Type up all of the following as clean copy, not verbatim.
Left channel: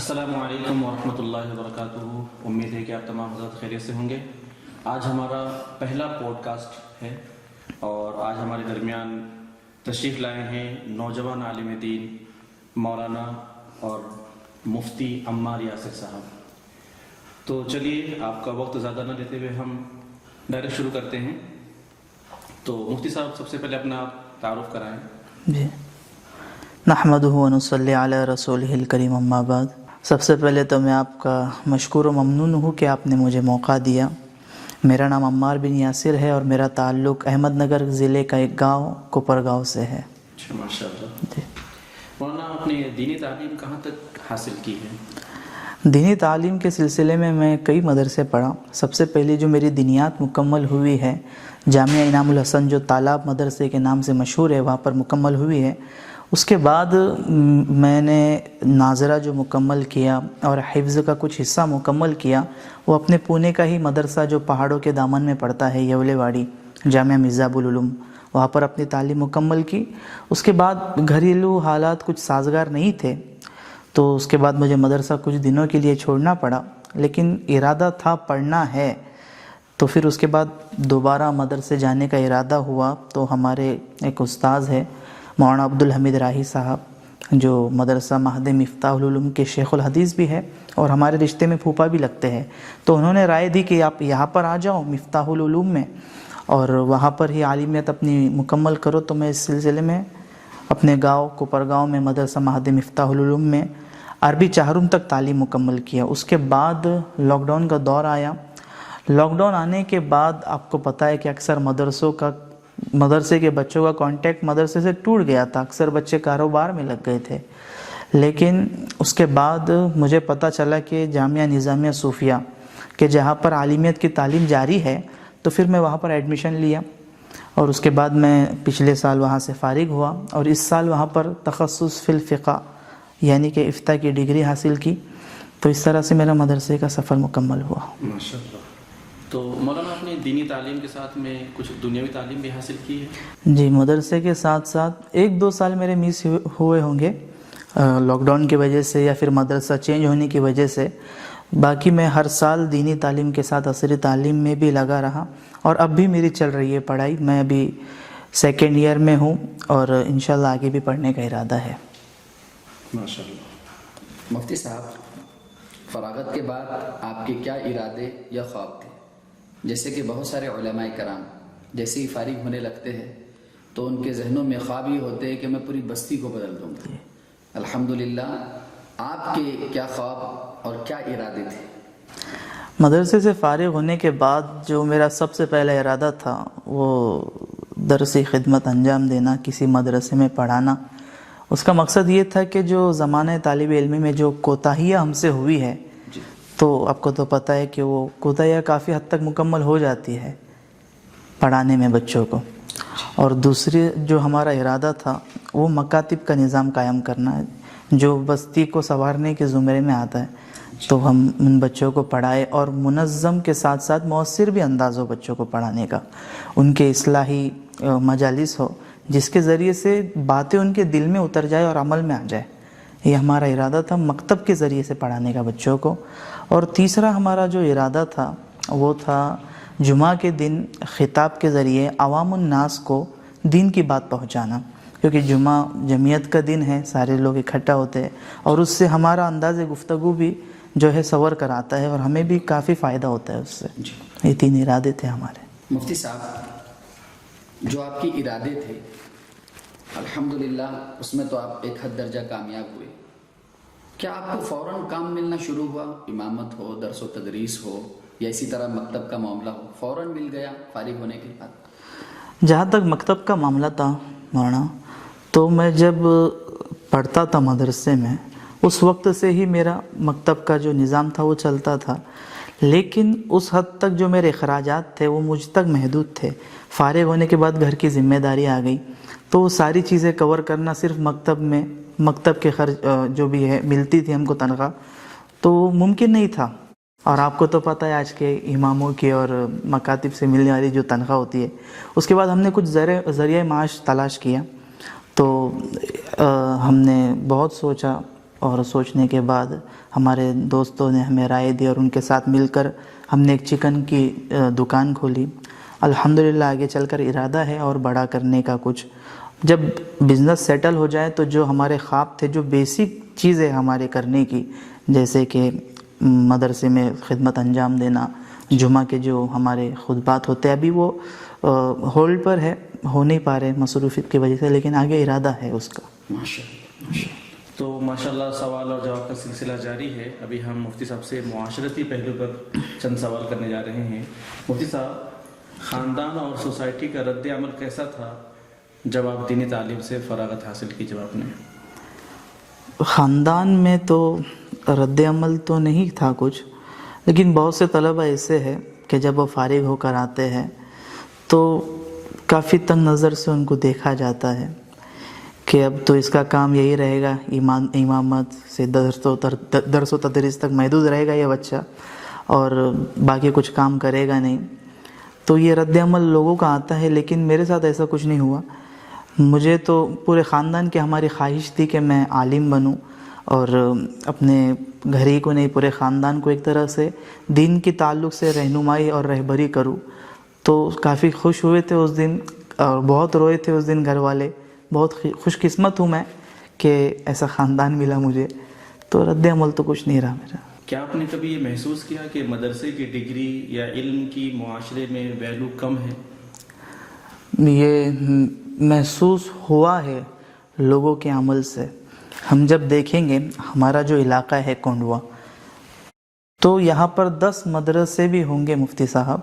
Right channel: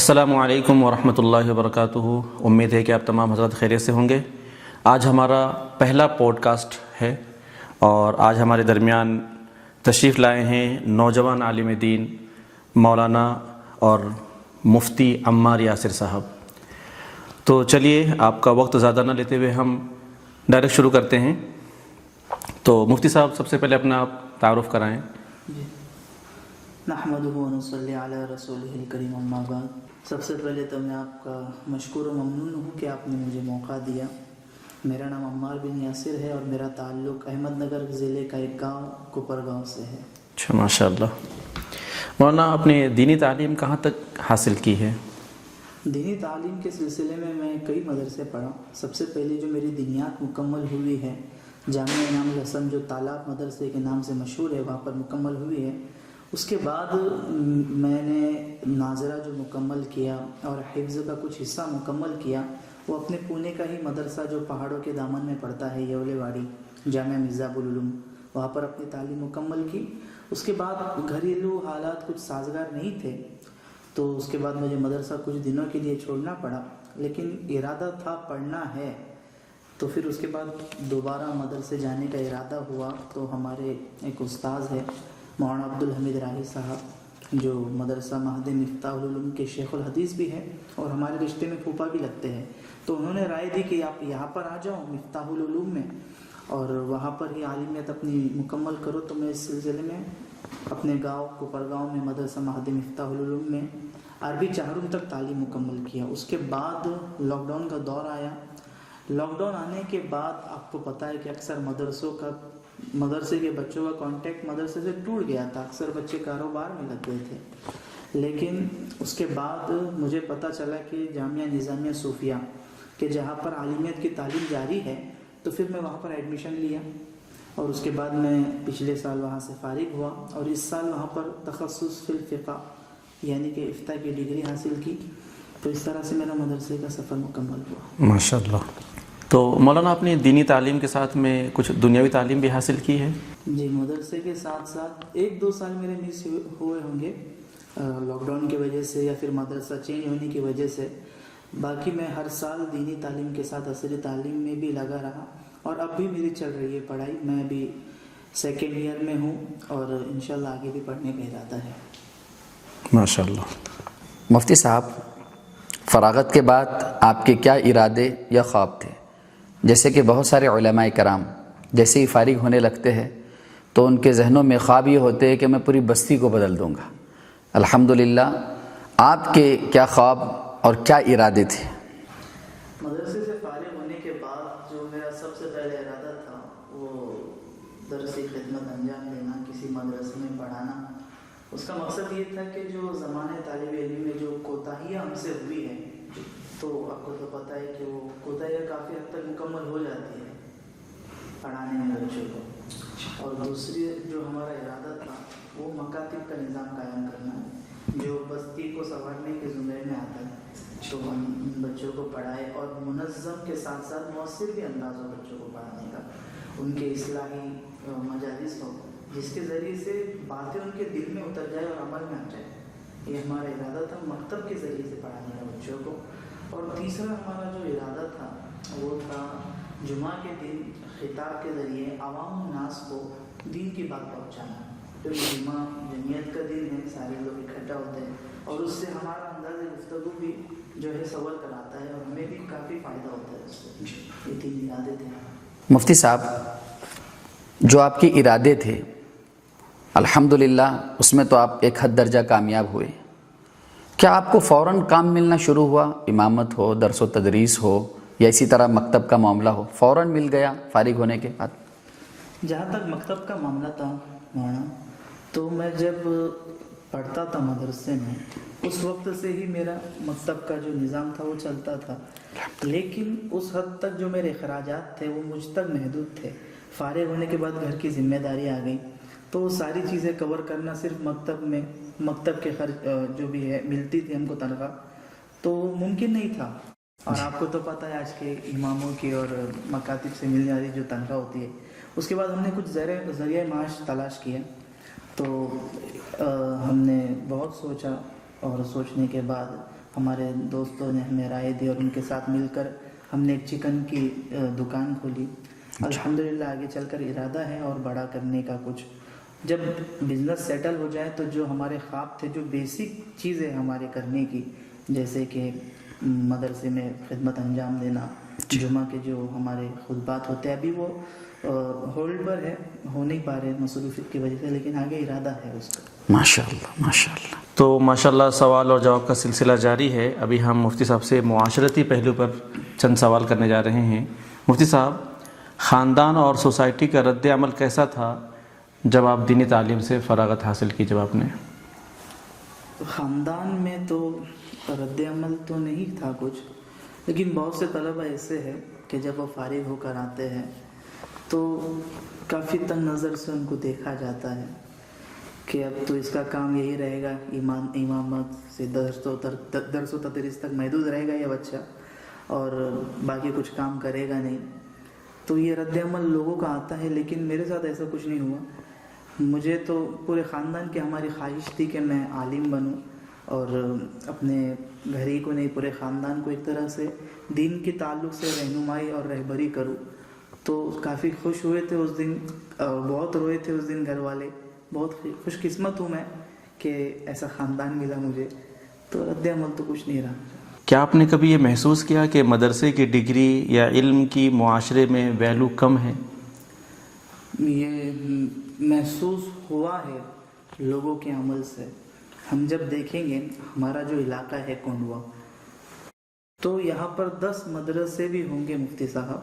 السلام علیکم ورحمۃ اللہ وبرکاتہ۔ امید ہے کہ آپ تمام حضرات خیریت سے ہوں گے۔ آج ہمارا پہلا پوڈ کاسٹ ہے اور آج ہمارے درمیان تشریف لائے ہیں نوجوان عالم دین مولانا اور مفتی عمار یاسر صاحب۔ تو چلیے آپ کا وقت زیادہ نہ لیتے ہوئے ہم ڈائریکٹ شروع کرتے ہیں۔ تو مفتی صاحب سب سے پہلے اپنا تعارف کرائیں۔ جی، نحمدہ و نصلی علی رسولہ الکریم، اما بعد۔ سب سے پہلے تو میں آپ کا مشکور و ممنون ہوں کہ آپ نے مجھے موقع دیا۔ میرا نام عمار بن یاسر ہے اور میرا تعلق احمد نگر ضلع کا ایک گاؤں کوپر گاؤں سے ہے۔ اچھا، ماشاء اللہ۔ مولانا اپنی دینی تعلیم کہاں تک حاصل کی ہے؟ دینی تعلیم کے سلسلے میں کئی مدرسے پڑھا۔ سب سے پہلی جو میری دینیات مکمل ہوئی ہے جامعہ انعام الحسن، جو تالاب مدرسے کے نام سے مشہور ہے، وہاں پر مکمل ہوئی ہے۔ اس کے بعد میں نے ناظرہ جو مکمل کیا اور حفظ کا کچھ حصہ مکمل کیا، وہ اپنے پونے کا ہی مدرسہ جو پہاڑوں کے دامن میں پڑتا ہے، یولے واڑی جامعہ مرزا ابو العلوم، وہاں پر اپنی تعلیم مکمل کی۔ اس کے بعد گھریلو حالات کچھ سازگار نہیں تھے، تو اس کے بعد مجھے مدرسہ کچھ دنوں کے لیے چھوڑنا پڑا، لیکن ارادہ تھا پڑھنا ہے۔ تو پھر اس کے بعد دوبارہ مدرسے جانے کا ارادہ ہوا، تو ہمارے ایک استاذ ہے مولانا عبدالحمید راہی صاحب، جو مدرسہ مہد مفتاح العلوم کے شیخ الحدیث بھی ہے اور ہمارے رشتے میں پھوپھا بھی لگتے ہیں، تو انہوں نے رائے دی کہ آپ یہاں پر آ جاؤ مفتاح العلوم میں اور وہاں پر ہی عالمیت اپنی مکمل کرو۔ تو میں اس سلسلے میں اپنے گاؤں کوپر گاؤں میں مدرسہ مہد مفتاح العلوم میں عربی چہارم تک تعلیم مکمل کیا۔ اس کے بعد لاک ڈاؤن کا دور آیا۔ لاک ڈاؤن آنے کے بعد آپ کو پتہ ہے کہ اکثر مدرسے کے بچوں کا کانٹیکٹ مدرسے سے ٹوٹ گیا تھا، اکثر بچے کاروبار میں لگ گئے تھے۔ لیکن اس کے بعد مجھے پتہ چلا کہ جامعہ نظامیہ صوفیہ کہ جہاں پر عالمیت کی تعلیم جاری ہے، تو پھر میں وہاں پر ایڈمیشن لیا اور اس کے بعد میں پچھلے سال وہاں سے فارغ ہوا اور اس سال وہاں پر تخصص فی الفقہ یعنی کہ افتاء کی ڈگری حاصل کی۔ تو اس طرح سے میرا مدرسے کا سفر مکمل ہوا۔ ماشاء اللہ۔ تو مولانا اپنی دینی تعلیم کے ساتھ میں کچھ دنیاوی تعلیم بھی حاصل کی ہے؟ جی، مدرسے کے ساتھ ساتھ 1-2 سال میرے مس ہوئے ہوں گے لاک ڈاؤن کی وجہ سے یا پھر مدرسہ چینج ہونے کی وجہ سے۔ باقی میں ہر سال دینی تعلیم کے ساتھ عصری تعلیم میں بھی لگا رہا اور اب بھی میری چل رہی ہے پڑھائی۔ میں ابھی 2nd ایئر میں ہوں اور انشاءاللہ آگے بھی پڑھنے کا ارادہ ہے۔ ماشاء اللہ۔ مفتی صاحب، فراغت کے بعد آپ کے کیا ارادے یا خواب تھے؟ جیسے کہ بہت سارے علماء کرام جیسے ہی فارغ ہونے لگتے ہیں تو ان کے ذہنوں میں خواب یہ ہوتے ہیں کہ میں پوری بستی کو بدل دوں گا۔ الحمدللہ، آپ کے کیا خواب اور کیا ارادے تھے؟ مدرسے سے فارغ ہونے کے بعد جو میرا سب سے پہلا ارادہ تھا وہ درسی خدمت انجام دینا، کسی مدرسے میں پڑھانا۔ اس کا مقصد یہ تھا کہ جو زمانہ طالب علمی میں جو کوتاہیاں ہم سے ہوئی ہے، تو آپ کو تو پتہ ہے کہ وہ کوتاہیاں کافی حد تک مکمل ہو جاتی ہے پڑھانے میں بچوں کو۔ اور دوسری جو ہمارا ارادہ تھا وہ مکاتب کا نظام قائم کرنا ہے، جو بستی کو سنوارنے کے زمرے میں آتا ہے۔ تو ہم ان بچوں کو پڑھائے اور منظم کے ساتھ ساتھ مؤثر بھی انداز ہو بچوں کو پڑھانے کا، ان کے اصلاحی مجالس ہو جس کے ذریعے سے باتیں ان کے دل میں اتر جائے اور عمل میں آ جائے۔ یہ ہمارا ارادہ تھا مکتب کے ذریعے سے پڑھانے کا بچوں کو۔ اور تیسرا ہمارا جو ارادہ تھا وہ تھا جمعہ کے دن خطاب کے ذریعے عوام الناس کو دین کی بات پہنچانا، کیونکہ جمعہ جمعیت کا دن ہے، سارے لوگ اکٹھا ہوتے ہیں اور اس سے ہمارا انداز گفتگو بھی جو ہے سور کر آتا ہے اور ہمیں بھی کافی فائدہ ہوتا ہے اس سے۔ یہ 3 ارادے تھے ہمارے۔ مفتی صاحب، جو آپ کے ارادے تھے الحمدللہ اس میں تو آپ ایک حد درجہ کامیاب ہوئے۔ کیا آپ کو فوراً کام ملنا شروع ہوا؟ امامت ہو، درس و تدریس ہو یا اسی طرح مکتب کا معاملہ ہو، فوراً مل گیا فارغ ہونے کے بعد؟ جہاں تک مکتب کا معاملہ تھا مولانا، تو میں جب پڑھتا تھا مدرسے میں اس وقت سے ہی میرا مکتب کا جو نظام تھا وہ چلتا تھا، لیکن اس حد تک جو میرے اخراجات تھے وہ مجھ تک محدود تھے۔ فارغ ہونے کے بعد گھر کی ذمہ داری آ گئی، تو وہ ساری چیزیں کور کرنا صرف مکتب کے خرچ جو بھی ہے ملتی تھی ہم کو تنخواہ، تو وہ ممکن نہیں تھا۔ اور آپ کو تو پتہ ہے آج کے اماموں کی اور مکاتب سے ملنے والی جو تنخواہ ہوتی ہے، اس کے بعد ہم نے کچھ ذریعہ معاش تلاش کیا۔ تو ہم نے بہت سوچا اور سوچنے کے بعد ہمارے دوستوں نے ہمیں رائے دی اور ان کے ساتھ مل کر ہم نے ایک چکن کی دکان کھولی. الحمدللہ آگے چل کر ارادہ ہے اور بڑا کرنے کا کچھ. جب بزنس سیٹل ہو جائے تو جو ہمارے خواب تھے, جو بیسک چیزیں ہمارے کرنے کی, جیسے کہ مدرسے میں خدمت انجام دینا, جمعہ کے جو ہمارے خطبات ہوتے ہیں, ابھی وہ ہولڈ پر ہے, ہو نہیں پا رہے مصروفیت کی وجہ سے, لیکن آگے ارادہ ہے اس کا. ماشاءاللہ ماشاءاللہ. تو ماشاءاللہ سوال اور جواب کا سلسلہ جاری ہے. ابھی ہم مفتی صاحب سے معاشرتی پہلو پر چند سوال کرنے جا رہے ہیں. مفتی صاحب, خاندان اور سوسائٹی کا رد عمل کیسا تھا جب آپ دینی تعلیم سے فراغت حاصل کی؟ جب آپ نے خاندان میں تو رد عمل تو نہیں تھا کچھ, لیکن بہت سے طلبہ ایسے ہیں کہ جب وہ فارغ ہو کر آتے ہیں تو کافی تنگ نظر سے ان کو دیکھا جاتا ہے کہ اب تو اس کا کام یہی رہے گا, امامت سے درس و تدریس تک محدود رہے گا یہ بچہ, اور باقی کچھ کام کرے گا نہیں. تو یہ رد عمل لوگوں کا آتا ہے, لیکن میرے ساتھ ایسا کچھ نہیں ہوا. مجھے تو پورے خاندان کی ہماری خواہش تھی کہ میں عالم بنوں اور اپنے گھر ہی کو نہیں پورے خاندان کو ایک طرح سے دین کی تعلق سے رہنمائی اور رہبری کروں. تو کافی خوش ہوئے تھے اس دن, اور بہت روئے تھے اس دن گھر والے. بہت خوش قسمت ہوں میں کہ ایسا خاندان ملا مجھے. تو رد عمل تو کچھ نہیں رہا میرا. کیا آپ نے کبھی یہ محسوس کیا کہ مدرسے کی ڈگری یا علم کی معاشرے میں ویلو کم ہے؟ یہ محسوس ہوا ہے لوگوں کے عمل سے. ہم جب دیکھیں گے ہمارا جو علاقہ ہے کونڈوا, تو یہاں پر 10 مدرسے بھی ہوں گے مفتی صاحب,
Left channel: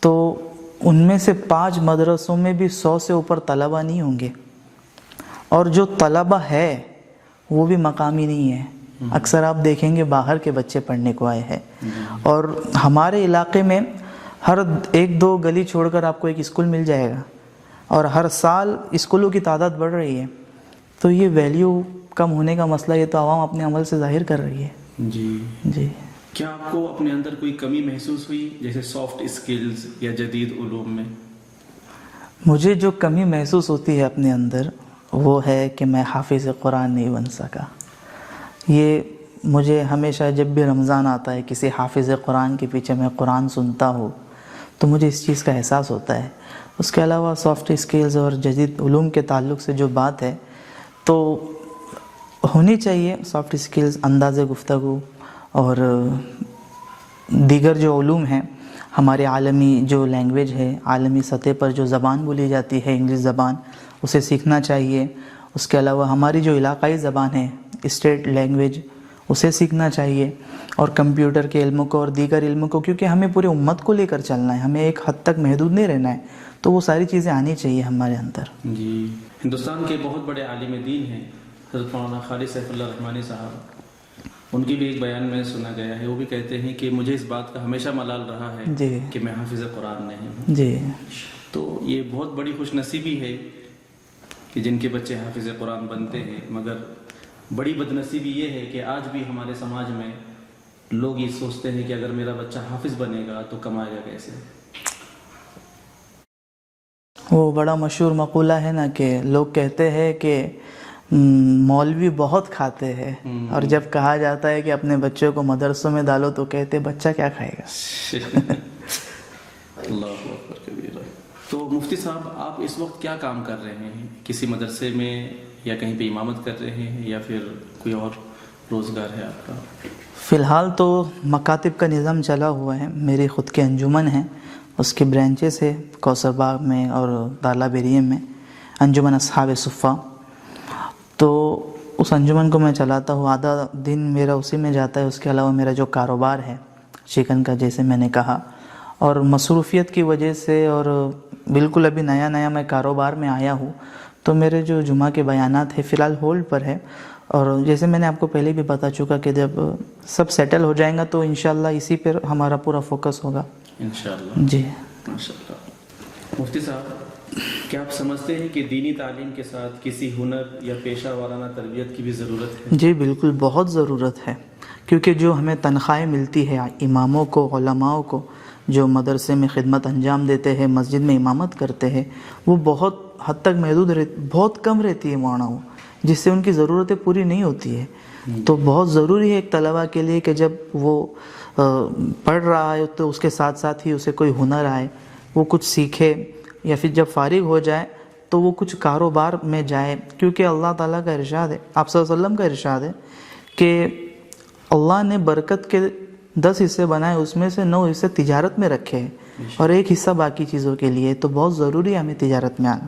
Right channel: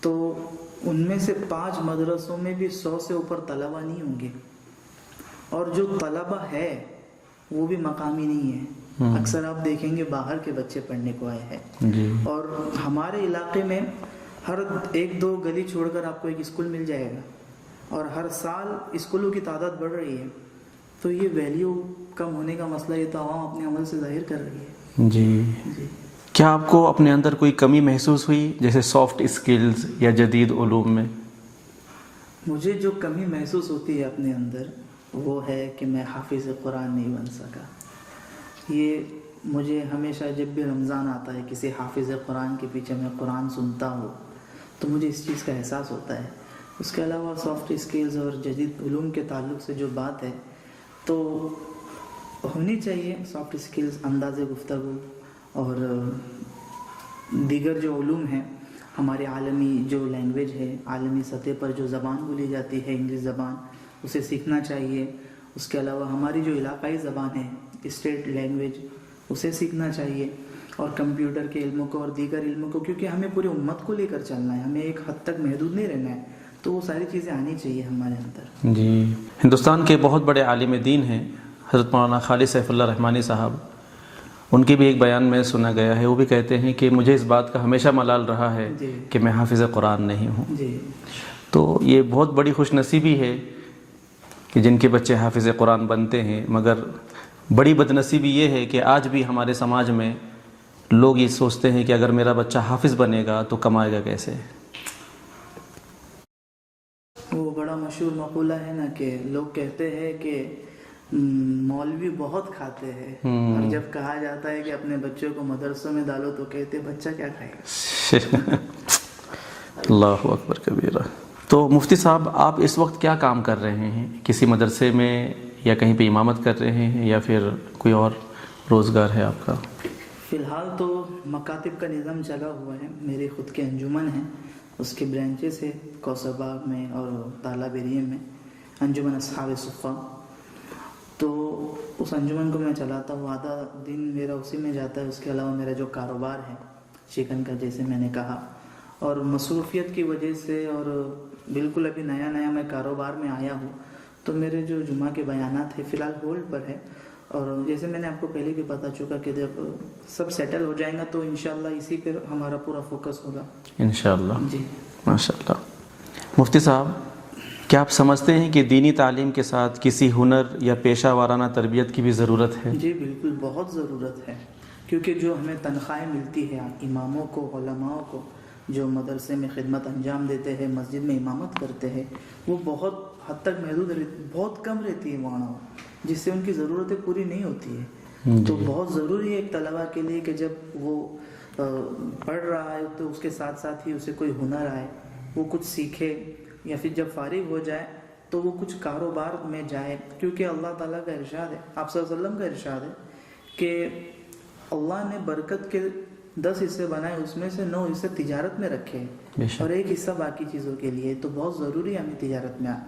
تو ان میں سے 5 مدرسوں میں بھی 100 سے اوپر طلبہ نہیں ہوں گے, اور جو طلبہ ہے وہ بھی مقامی نہیں ہے. اکثر آپ دیکھیں گے باہر کے بچے پڑھنے کو آئے ہیں. اور ہمارے علاقے میں ہر 1-2 گلی چھوڑ کر آپ کو ایک اسکول مل جائے گا, اور ہر سال اسکولوں کی تعداد بڑھ رہی ہے. تو یہ ویلیو کم ہونے کا مسئلہ یہ تو عوام اپنے عمل سے ظاہر کر رہی ہے. جی. کیا آپ کو اپنے اندر کوئی کمی محسوس ہوئی, جیسے سافٹ اسکلز یا جدید علوم میں؟ مجھے جو کمی محسوس ہوتی ہے اپنے اندر وہ ہے کہ میں حافظ قرآن نہیں بن سکا. یہ مجھے ہمیشہ جب بھی رمضان آتا ہے کسی حافظ قرآن کے پیچھے میں قرآن سنتا ہوں تو مجھے اس چیز کا احساس ہوتا ہے. اس کے علاوہ سافٹ اسکلز اور جدید علوم کے تعلق سے جو بات ہے تو ہونی چاہیے. سافٹ اسکلز, انداز گفتگو اور دیگر جو علوم ہیں, ہمارے عالمی جو لینگویج ہے, عالمی سطح پر جو زبان بولی جاتی ہے انگلش زبان, اسے سیکھنا چاہیے. اس کے علاوہ ہماری جو علاقائی زبان ہے اسٹیٹ لینگویج, اسے سیکھنا چاہیے. اور کمپیوٹر کے علموں کو اور دیگر علموں کو, کیونکہ ہمیں پورے امت کو لے کر چلنا ہے, ہمیں ایک حد تک محدود نہیں رہنا ہے. تو وہ ساری چیزیں آنی چاہیے ہمارے اندر. جی. ہندوستان کے بہت بڑے عالم دین ہیں حضرت مولانا خالد سیف اللہ رحمانی صاحب. ان کی بھی ایک بیان میں سنا گیا ہے, وہ بھی کہتے ہیں کہ مجھے اس بات کا ہمیشہ ملال رہا ہے کہ میں حافظ قرآن نہیں ہوں. جی. تو یہ بہت بڑی خوش نصیبی ہے کہ جن کے بچے حافظ قرآن بنتے ہیں, مگر بڑی بدنصیبی یہ ہے کہ آج بھی ہمارے سماج میں لوگ یہ سوچتے ہیں کہ اگر میرا بچہ حافظ بنے گا تو کمائے گا کیسے. وہ بڑا مشہور مقولہ ہے نا کہ لوگ کہتے ہیں کہ مولوی بہت کھاتے ہیں, اور جب کہا جاتا ہے کہ اپنے بچوں کو مدرسوں میں ڈالو تو کہتے بچہ کیا کھائے گا. اللہ اکبر کبیرہ. تو مفتی صاحب, آپ اس وقت کیا کام کر رہے ہیں؟ کسی مدرسے میں یا کہیں پہ امامت کر رہے ہیں یا پھر کوئی اور روزگار ہے آپ کا؟ فی الحال تو مکاتب کا نظام چلا ہوا ہے. میری خود کی انجمن ہے, اس کی برانچز ہے کوثر باغ میں اور داراللہ بریم میں, انجمن اصحاب صفہ. تو اس انجمن کو میں چلاتا ہوں, آدھا دن میرا اسی میں جاتا ہے. اس کے علاوہ میرا جو کاروبار ہے چکن کا, جیسے میں نے کہا, اور مصروفیت کی وجہ سے اور بالکل ابھی نیا میں کاروبار میں آیا ہوں, تو میرے جو جمعہ کے بیانات ہیں فی الحال ہولڈ پر ہے. اور جیسے میں نے آپ کو پہلے بھی بتا چکا کہ جب سب سیٹل ہو جائیں گا تو انشاءاللہ اسی پر ہمارا پورا فوکس ہوگا انشاءاللہ. جی ماشاءاللہ. مفتی صاحب, کیا آپ سمجھتے ہیں کہ دینی تعلیم کے ساتھ کسی ہنر یا پیشہ وارانہ تربیت کی بھی ضرورت ہے؟ جی بالکل, بہت ضرورت ہے. کیونکہ جو ہمیں تنخواہیں ملتی ہے اماموں کو, علماؤں کو, جو مدرسے میں خدمت انجام دیتے ہیں, مسجد میں امامت کرتے ہیں, وہ بہت حد تک محدود بہت کم رہتی ہے مولانا, جس سے ان کی ضرورتیں پوری نہیں ہوتی ہے. تو بہت ضروری ہے ایک طلبہ کے لیے کہ جب وہ پڑھ رہا ہے تو اس کے ساتھ ساتھ ہی اسے کوئی ہنر آئے، وہ کچھ سیکھے، یا پھر جب فارغ ہو جائے تو وہ کچھ کاروبار میں جائے، کیونکہ اللہ تعالیٰ کا ارشاد ہے، آپ صلی اللہ علیہ وسلم کا ارشاد ہے کہ اللہ نے برکت کے 10 حصے بنائے، اس میں سے 9 حصے تجارت میں رکھے ہیں اور 1 حصہ باقی چیزوں کے لیے، تو بہت ضروری ہے ہمیں تجارت میں آنا۔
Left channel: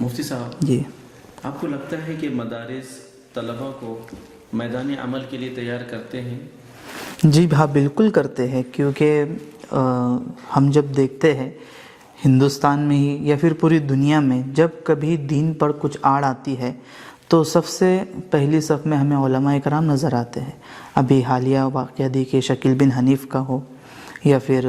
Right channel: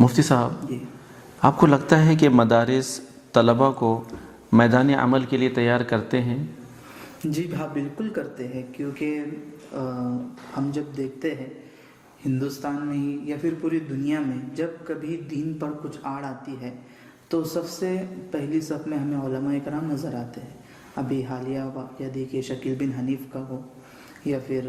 مفتی صاحب، جی، آپ کو لگتا ہے کہ مدارس طلبہ کو میدان عمل کے لیے تیار کرتے ہیں؟ جی ہاں، بالکل کرتے ہیں، کیونکہ ہم جب دیکھتے ہیں ہندوستان میں ہی یا پھر پوری دنیا میں جب کبھی دین پر کچھ آڑ آتی ہے تو سب سے پہلی صف میں ہمیں علماء کرام نظر آتے ہیں۔ ابھی حالیہ واقعہ دیکھیے، شکیل بن حنیف کا ہو یا پھر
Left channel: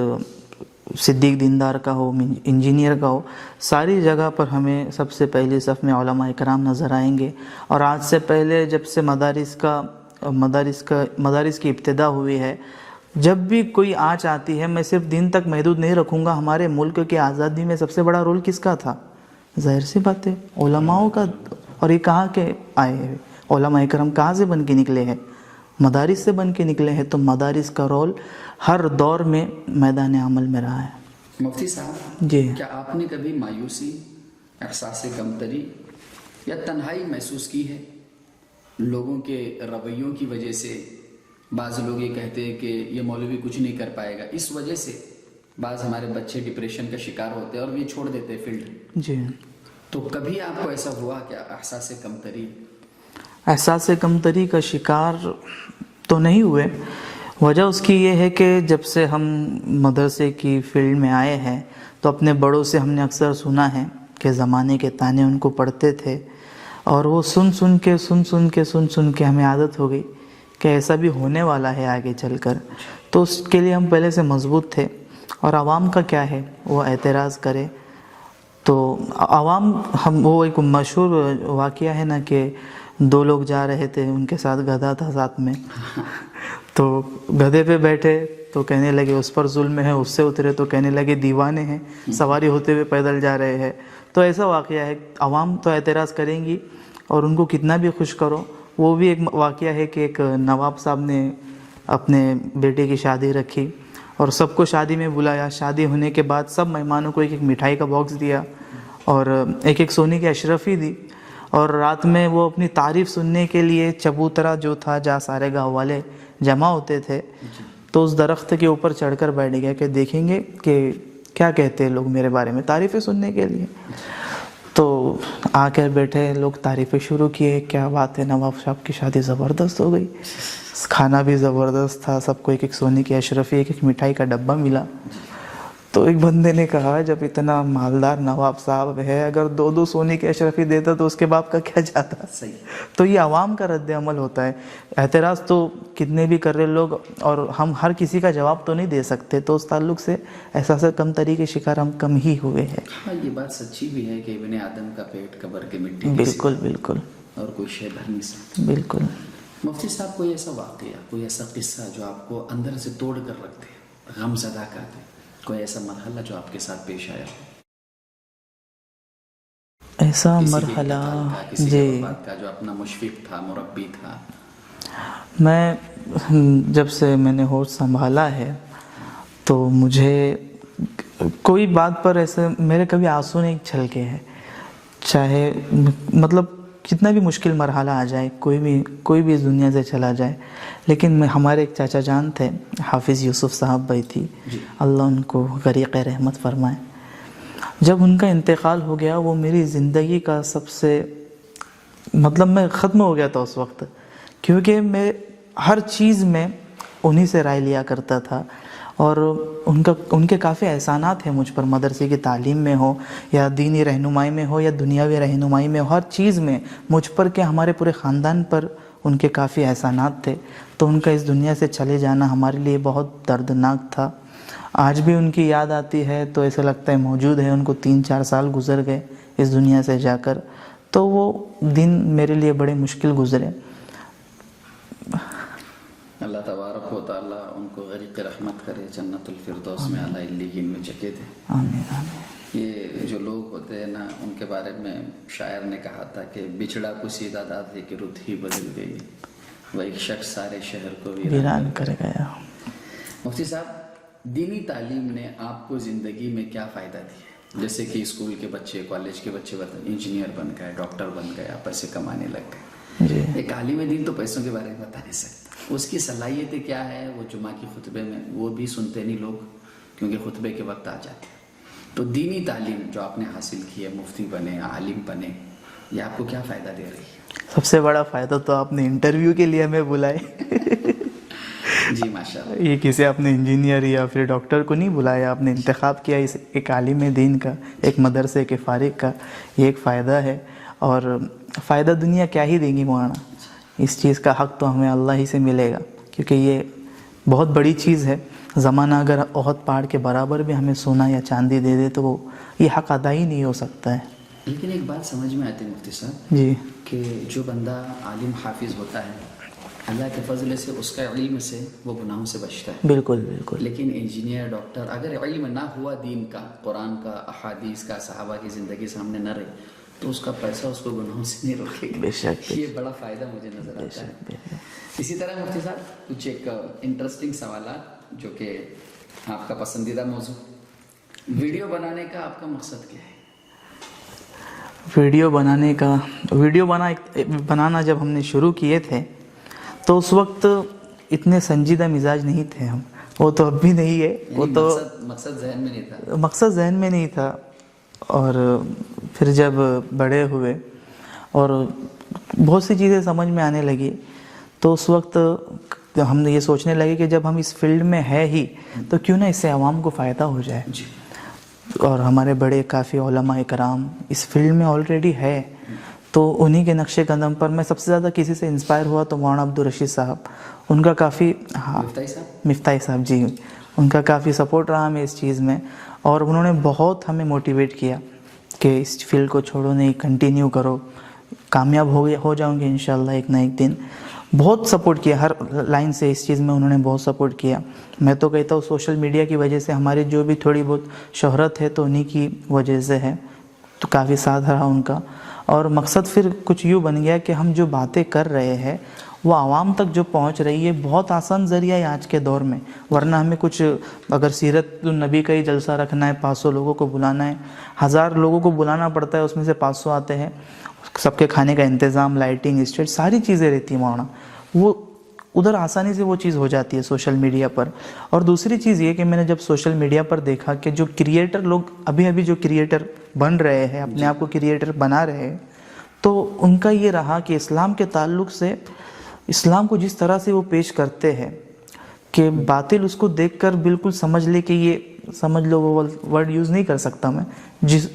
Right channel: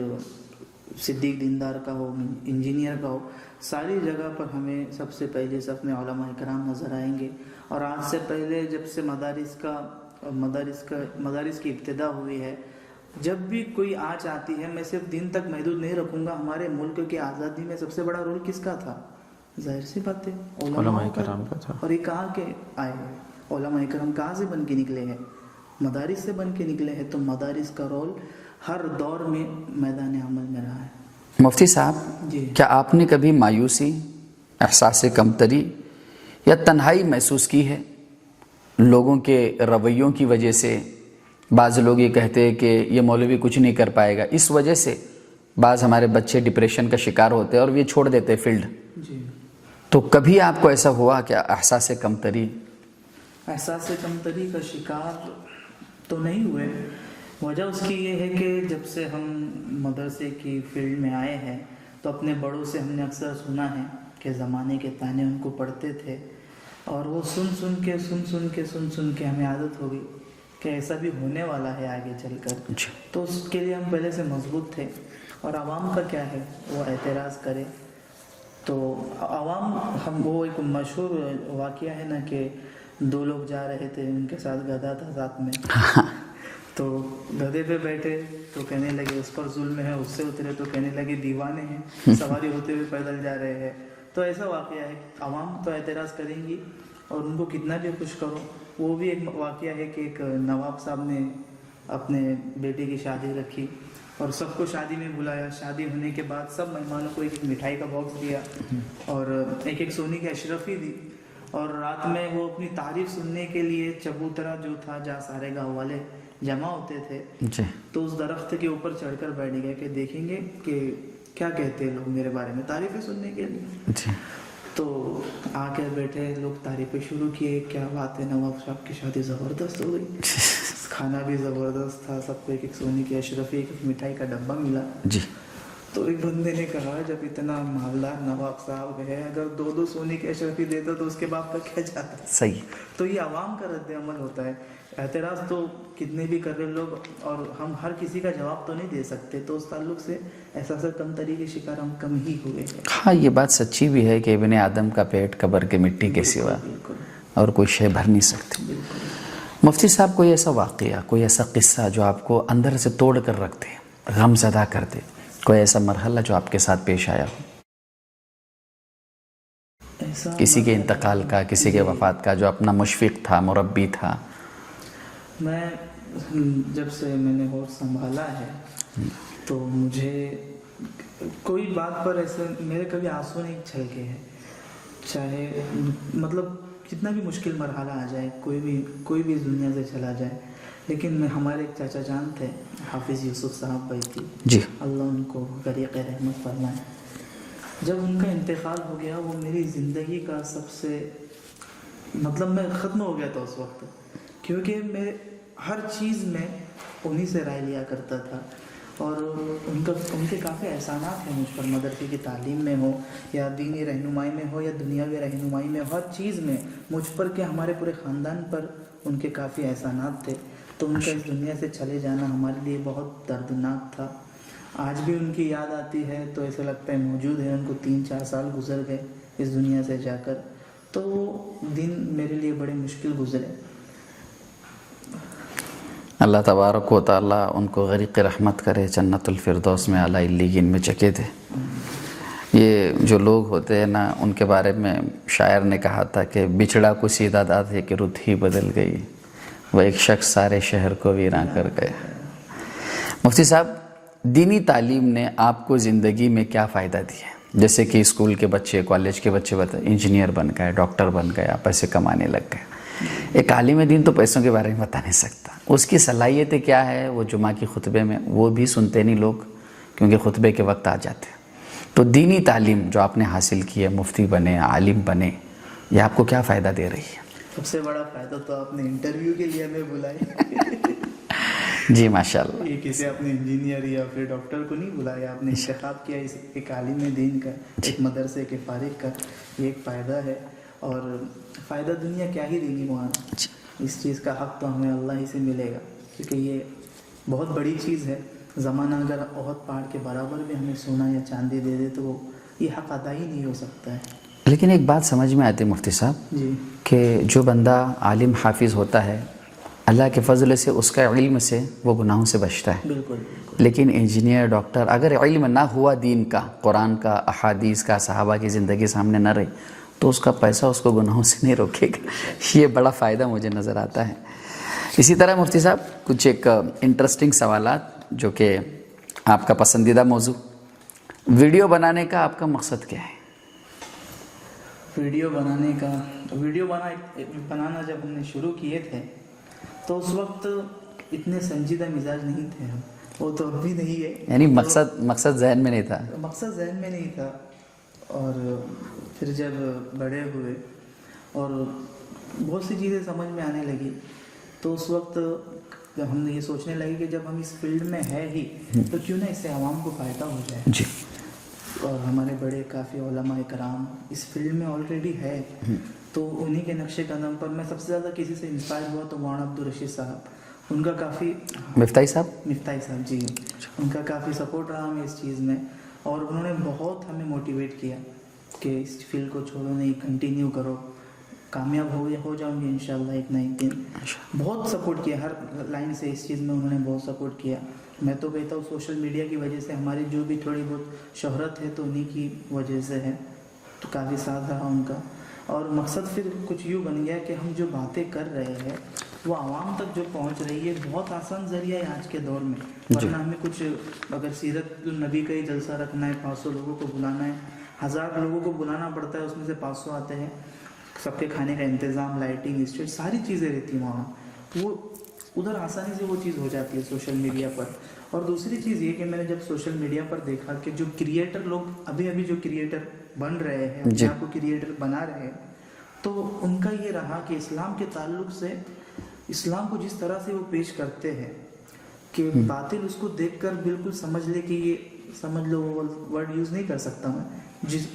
صدیق دیندار کا ہو، انجینئر کا ہو، ساری جگہ پر ہمیں سب سے پہلی صف میں علماء کرام نظر آئیں گے۔ اور آج سے پہلے جب سے مدارس کی ابتدا ہوئی ہے، جب بھی کوئی آنچ آتی ہے، میں صرف دین تک محدود نہیں رکھوں گا، ہمارے ملک کی آزادی میں سب سے بڑا رول کس کا تھا؟ ظاہر سی بات ہے علماء کا۔ اور یہ کہاں کے آئے ہیں علماء کرام؟ کہاں سے بن کے نکلے ہیں؟ مدارس سے بن کے نکلے ہیں۔ تو مدارس کا رول ہر دور میں میدان عمل میں رہا ہے۔ مفتی صاحب، جی، کیا آپ نے کبھی مایوسی، احساس کمتری یا تنہائی محسوس کی ہے؟ لوگوں کے رویوں کی وجہ سے بعض لوگ یہ کہتے ہیں کہ یہ مولوی کچھ نہیں کر پائے گا، اس وجہ سے بعض ہمارے بچے ڈپریشن کا شکار ہوتے ہیں اور یہ چھوڑ دیتے ہیں فیلڈ۔ جی، تو کبھی آپ کو ایسا ہوا کہ احساس کمتری؟ احساس کمتری کا شکار تو نہیں ہوئے۔ وجہ اس کی یہ ہے کہ جب سے ہم مدرسے کی فیلڈ میں آئے ہیں تو اپنے بڑوں سے ہم نے اکثر سنا ہے کہ زمانے کے تانے ان کو پڑھتے تھے، اور وہ سن کے ہمیں عادت ہو گئی کہ ایسا بھی ہونے والا ہے آگے چل کر۔ تو اس کے لیے ہم پہلے سے مضبوط تھے۔ اور عوام کا کیا ہے، وہ اعتراض کرے تو عوام، وہ ایک مشہور واقعہ ہے نا کہ 2 لوگ جا رہے تھے، ان کے ساتھ گدھا تھا ساتھ میں، تو گدھے پہ بیٹھے تو کہنے لگے اس پر ظلم ہے، اس سے اترے تو کہنے لگے دیوانے ہیں، سواری ہوتے ہوئے پیدل جا رہے ہیں۔ تو ایسا واقعہ ہے، عوام تو اعتراض کریں گی، اور ان کو کتنا بھی خوش کرو۔ وہ بھی ایک واقعہ ہے کہ ایک نواب صاحب نے اپنے بیٹے کی شادی رکھی اور سب کو شادی میں بلایا۔ شادی ہونے کے بعد سب مہمانوں کو ایک مٹھائی کا باکس دیا اور ایک سونے کی اشرفی دی، اور رات میں وہ اپنی تعریف سننے کے لیے چبوترا جو تھا جہاں سارے گاؤں والے جمع ہوتے تھے، تو اس درخت کے اوپر چڑھ کر بیٹھ گیا کہ دیکھیں گے کہ کیا کہتے ہیں لوگ میرے بارے میں، تعریفیں سننے کے لیے۔ تو آ کر بیٹھے لوگ، تعریفیں شروع کیے، کیا بات ہے، نواب صاحب کی شادی زبردست ہو گئی، کھانا بھی زبردست تھا، سب کو ایک سونے کی اشرفی، ایک مٹھائی کا ڈبہ ملا۔ تو ایک بندے نے کہا جب اتنا مالدار نواب صاحب ہے، اگر 2 سونے کی اشرفی دیتا تو اس کے باپ کا کیا جاتا؟ صحیح۔ تو یہ عوام کا رد عمل ہوتا ہے۔ اعتراض تو کتنے بھی کر رہے لوگ، اور ہم ہر کسی کا جواب تو نہیں دے سکتے، تو اس تعلق سے احساس کمتری کے شکار ہم کم ہی ہوئے ہیں۔ ہاں، یہ بات سچی بھی ہے کہ ابن آدم کا پیٹ قبر کے مٹی کے سوا بالکل اور کوئی شے بھر نہیں سکتی۔ بالکل۔ مفتی صاحب، کوئی ایسا واقعہ، کوئی ایسا قصہ جو آپ کو اندر سے توڑ کر رکھ دے، غم زدہ کر دے، کوئی ایسا مرحلہ جو آپ کے ساتھ پیش آیا ہو؟ ایسا کسی کے مرحلہ، انتقال کا، کسی کے وفات کا، جو اپنا مشفق تھا، مربی تھا؟ میں جب سے میں نے ہوش سنبھالا ہے تو مجھے کوئی بات پر ایسے میرے کبھی آنسو نہیں چھلکے ہیں، چاہے مطلب کتنا بھی مشکل مرحلہ آ جائے، کوئی بھی اس دنیا سے چلا جائے، لیکن ہمارے ایک چاچا جان تھے، حافظ یوسف صاحب بھائی تھی، جی، اللہ ان کو غریق رحمت فرمائے۔ جب ان کا انتقال ہو گیا، وہ میری زندگی کا سب سے مطلب میں ختم ہو گیا تھا اس وقت، کیونکہ میں ہر چیز میں انہی سے رائے لیا کرتا تھا، اور ان کے کافی احسانات ہیں مجھ پر، مدرسے کی تعلیم میں ہو یا دینی رہنمائی میں ہو یا دنیاوی رہنمائی میں ہو، ہر چیز میں مجھ پر کہ ہمارے پورے خاندان پر ان کے کافی احسانات تھے۔ تو ان کا اس دنیا سے چلے جانا ہمارے لیے بہت دردناک تھا۔ آج بھی ان کی یاد آتی ہے تو ایسا لگتا ہے موجود ہے، ان کو 3-4 سال گزر گئے اس دنیا سے جا کر، تو وہ دن میرے لیے بڑے مشکل گزرے۔ اللہ تبارک و تعالیٰ ان کو غریق رحمت کرے، جنت الفردوس میں اعلیٰ علیین میں جگہ دے۔ یہ جو لوگ ہوتے ہیں نا، ان کے بارے میں شاعر نے کہا تھا کہ بچھڑا کو سیدھا داد ہے کہ رت ہی بدل گئی، وہ ایک شخص سارے شہر کو ویران کر گیا۔ مفتی صاحب، دینی تعلیم نے آپ کو زندگی میں کیا فائدہ دیا؟ جیسے کہ اسکول کے بچے، کالج کے بچے انجینئر بن گئے، ڈاکٹر بن گئے، پیسے کمانے لگ گئے۔ ایک عالم دین تو پیسوں کے بارے میں بتا نہیں سکتا، اس کی صلاحیتیں کیا ہے وہ جمعہ کی خطبے میں وہ بھی سنتے نہیں لوگ، کیونکہ خطبے کے وقت آ جاتے ہیں۔ تو دینی تعلیم جو آپ نے حاصل کی ہے، مفتی بنے، عالم بنے، یہ آپ کو کیا فائدہ دے رہی ہے؟ سب سے بڑا فائدہ تو آپ نے انٹرویو کے لیے ہمیں بلائے۔ جی ماشاءاللہ۔ یہ کسی آپ نے انجینئر یا پھر ڈاکٹر کو نہیں بلایا، آپ نے انتخاب کیا اس ایک عالم دین کا، ایک مدرسے کے فارغ کا، یہ ایک فائدہ ہے۔ اور فائدہ دنیا کیا ہی دے گی مولانا، اس چیز کا حق تو ہمیں اللہ ہی سے ملے گا، کیونکہ یہ بہت بڑی چیز ہے۔ زمانہ اگر احد پہاڑ کے برابر بھی ہمیں سونا یا چاندی دے دے تو وہ یہ حق ادا ہی نہیں ہو سکتا ہے۔ لیکن ایک بات سمجھ میں آتی ہے مفتی صاحب، جی، کہ جو بندہ عالم حافظ ہوتا ہے، اللہ کے فضل سے اس کا علم سے وہ گناہوں سے بچتا ہے۔ بالکل بالکل۔ لیکن انجینئر، ڈاکٹر، اگر علم نہ ہوا دین کا، قرآن کا، احادیث کا، صحابہ کی زندگی سامنے نہ رہی، تو اس کا پیسہ اس کو گناہوں سے نہیں روکے گا۔ یہ بڑا فائدہ مجھے نظر آتا ہے۔ اسی طرح مفتی صاحب کچھ ایک انٹرسٹنگ سوالات جو کہ آپ کا پسندیدہ موضوع، ویڈیو بنانے کا آپ کا مقصد کیا ہے؟ ویڈیو بنانا جب ہم نے شروع کیے تھے تو اس وقت اتنے سنجیدہ مزاج نہیں تھے ہم، وہ تو اب بھی نہیں ہے، یعنی مقصد ذہن میں نہیں تھا؟ مقصد ذہن میں نہیں تھا۔ اور پھر جب بڑے ہوئے اور بہت سی چیزیں سمجھ میں آنے لگی تو اس وقت ہم نے یہ سوچنے لگے کہ جب ہم اس فیلڈ میں ہے ہی تو کیوں نہ اس سے عوام کو فائدہ ہو جائے۔ جی۔ اور ہمارے بڑے کافی علماء کرام اس فیلڈ میں آلریڈی ہے، تو انہی کے نقش قدم پر میں سب سے زیادہ کسی سے انسپائر ہوا تو مولانا عبدالرشید صاحب، ان کا کافی مفتاحی صاحب جی، ان کا کافی سپورٹ رہا ہمیں اس چیز میں، اور انہوں نے بہت ہمیں موٹیویٹ کیا کہ اس فیلڈ کو چھوڑو نہیں، کنٹینیو کرو، کامیاب ہو جاؤں گے انشاءاللہ ایک نہ ایک دن۔ بہت سپورٹ کیا، ہر لائن سے اس چیز میں انہوں نے بہت سپورٹ کیا۔ میں تو کہتا ہوں سوشل میڈیا کی وجہ سے ہماری جو بھی تھوڑی بہت شہرت ہے تو انہی کی وجہ سے ہے، تو کافی ساتھ رہا ان کا۔ اور مقصد پھر کچھ یوں بن گیا کہ ہم جو باتیں کر رہے ہیں وہ عوام تک جو پہنچ رہی ہے، بہت آسان ذریعہ ہے آج کے دور میں، ورنہ ہمیں کچھ اگر سیرت النبی کا ہی جلسہ رکھنا ہے، 500 لوگوں کو بلانا ہے، 1000 لوگوں کو بلانا پڑتا ہے، اس میں سے 500 آتے ہیں، سب کے کھانے کا انتظام، لائٹنگ، اسٹیج، ساری چیزیں رہتی ہیں مولانا، وہ ادھر آسانی سے وہ چیز ہو جاتی ہے سوشل میڈیا پر۔ اور دوسری چیز یہ کہ میں نے جب سوشل میڈیا پر دیکھا کہ جو کریئٹر لوگ ابھی جو کریئٹر بن رہے ہیں، اپنے آپ کو کریئٹر بنا رہے ہیں، تو ان کا یہ رہا کہ اسلام کے تعلق سے، اسلام کو جس طرح سے وہ پیش کرتے ہیں کہ باطل اس کو دیکھ کر بالکل سمجھ لے کہ یہ، سمجھ لو، وہ ورڈ یوز نہیں کر سکتا میں،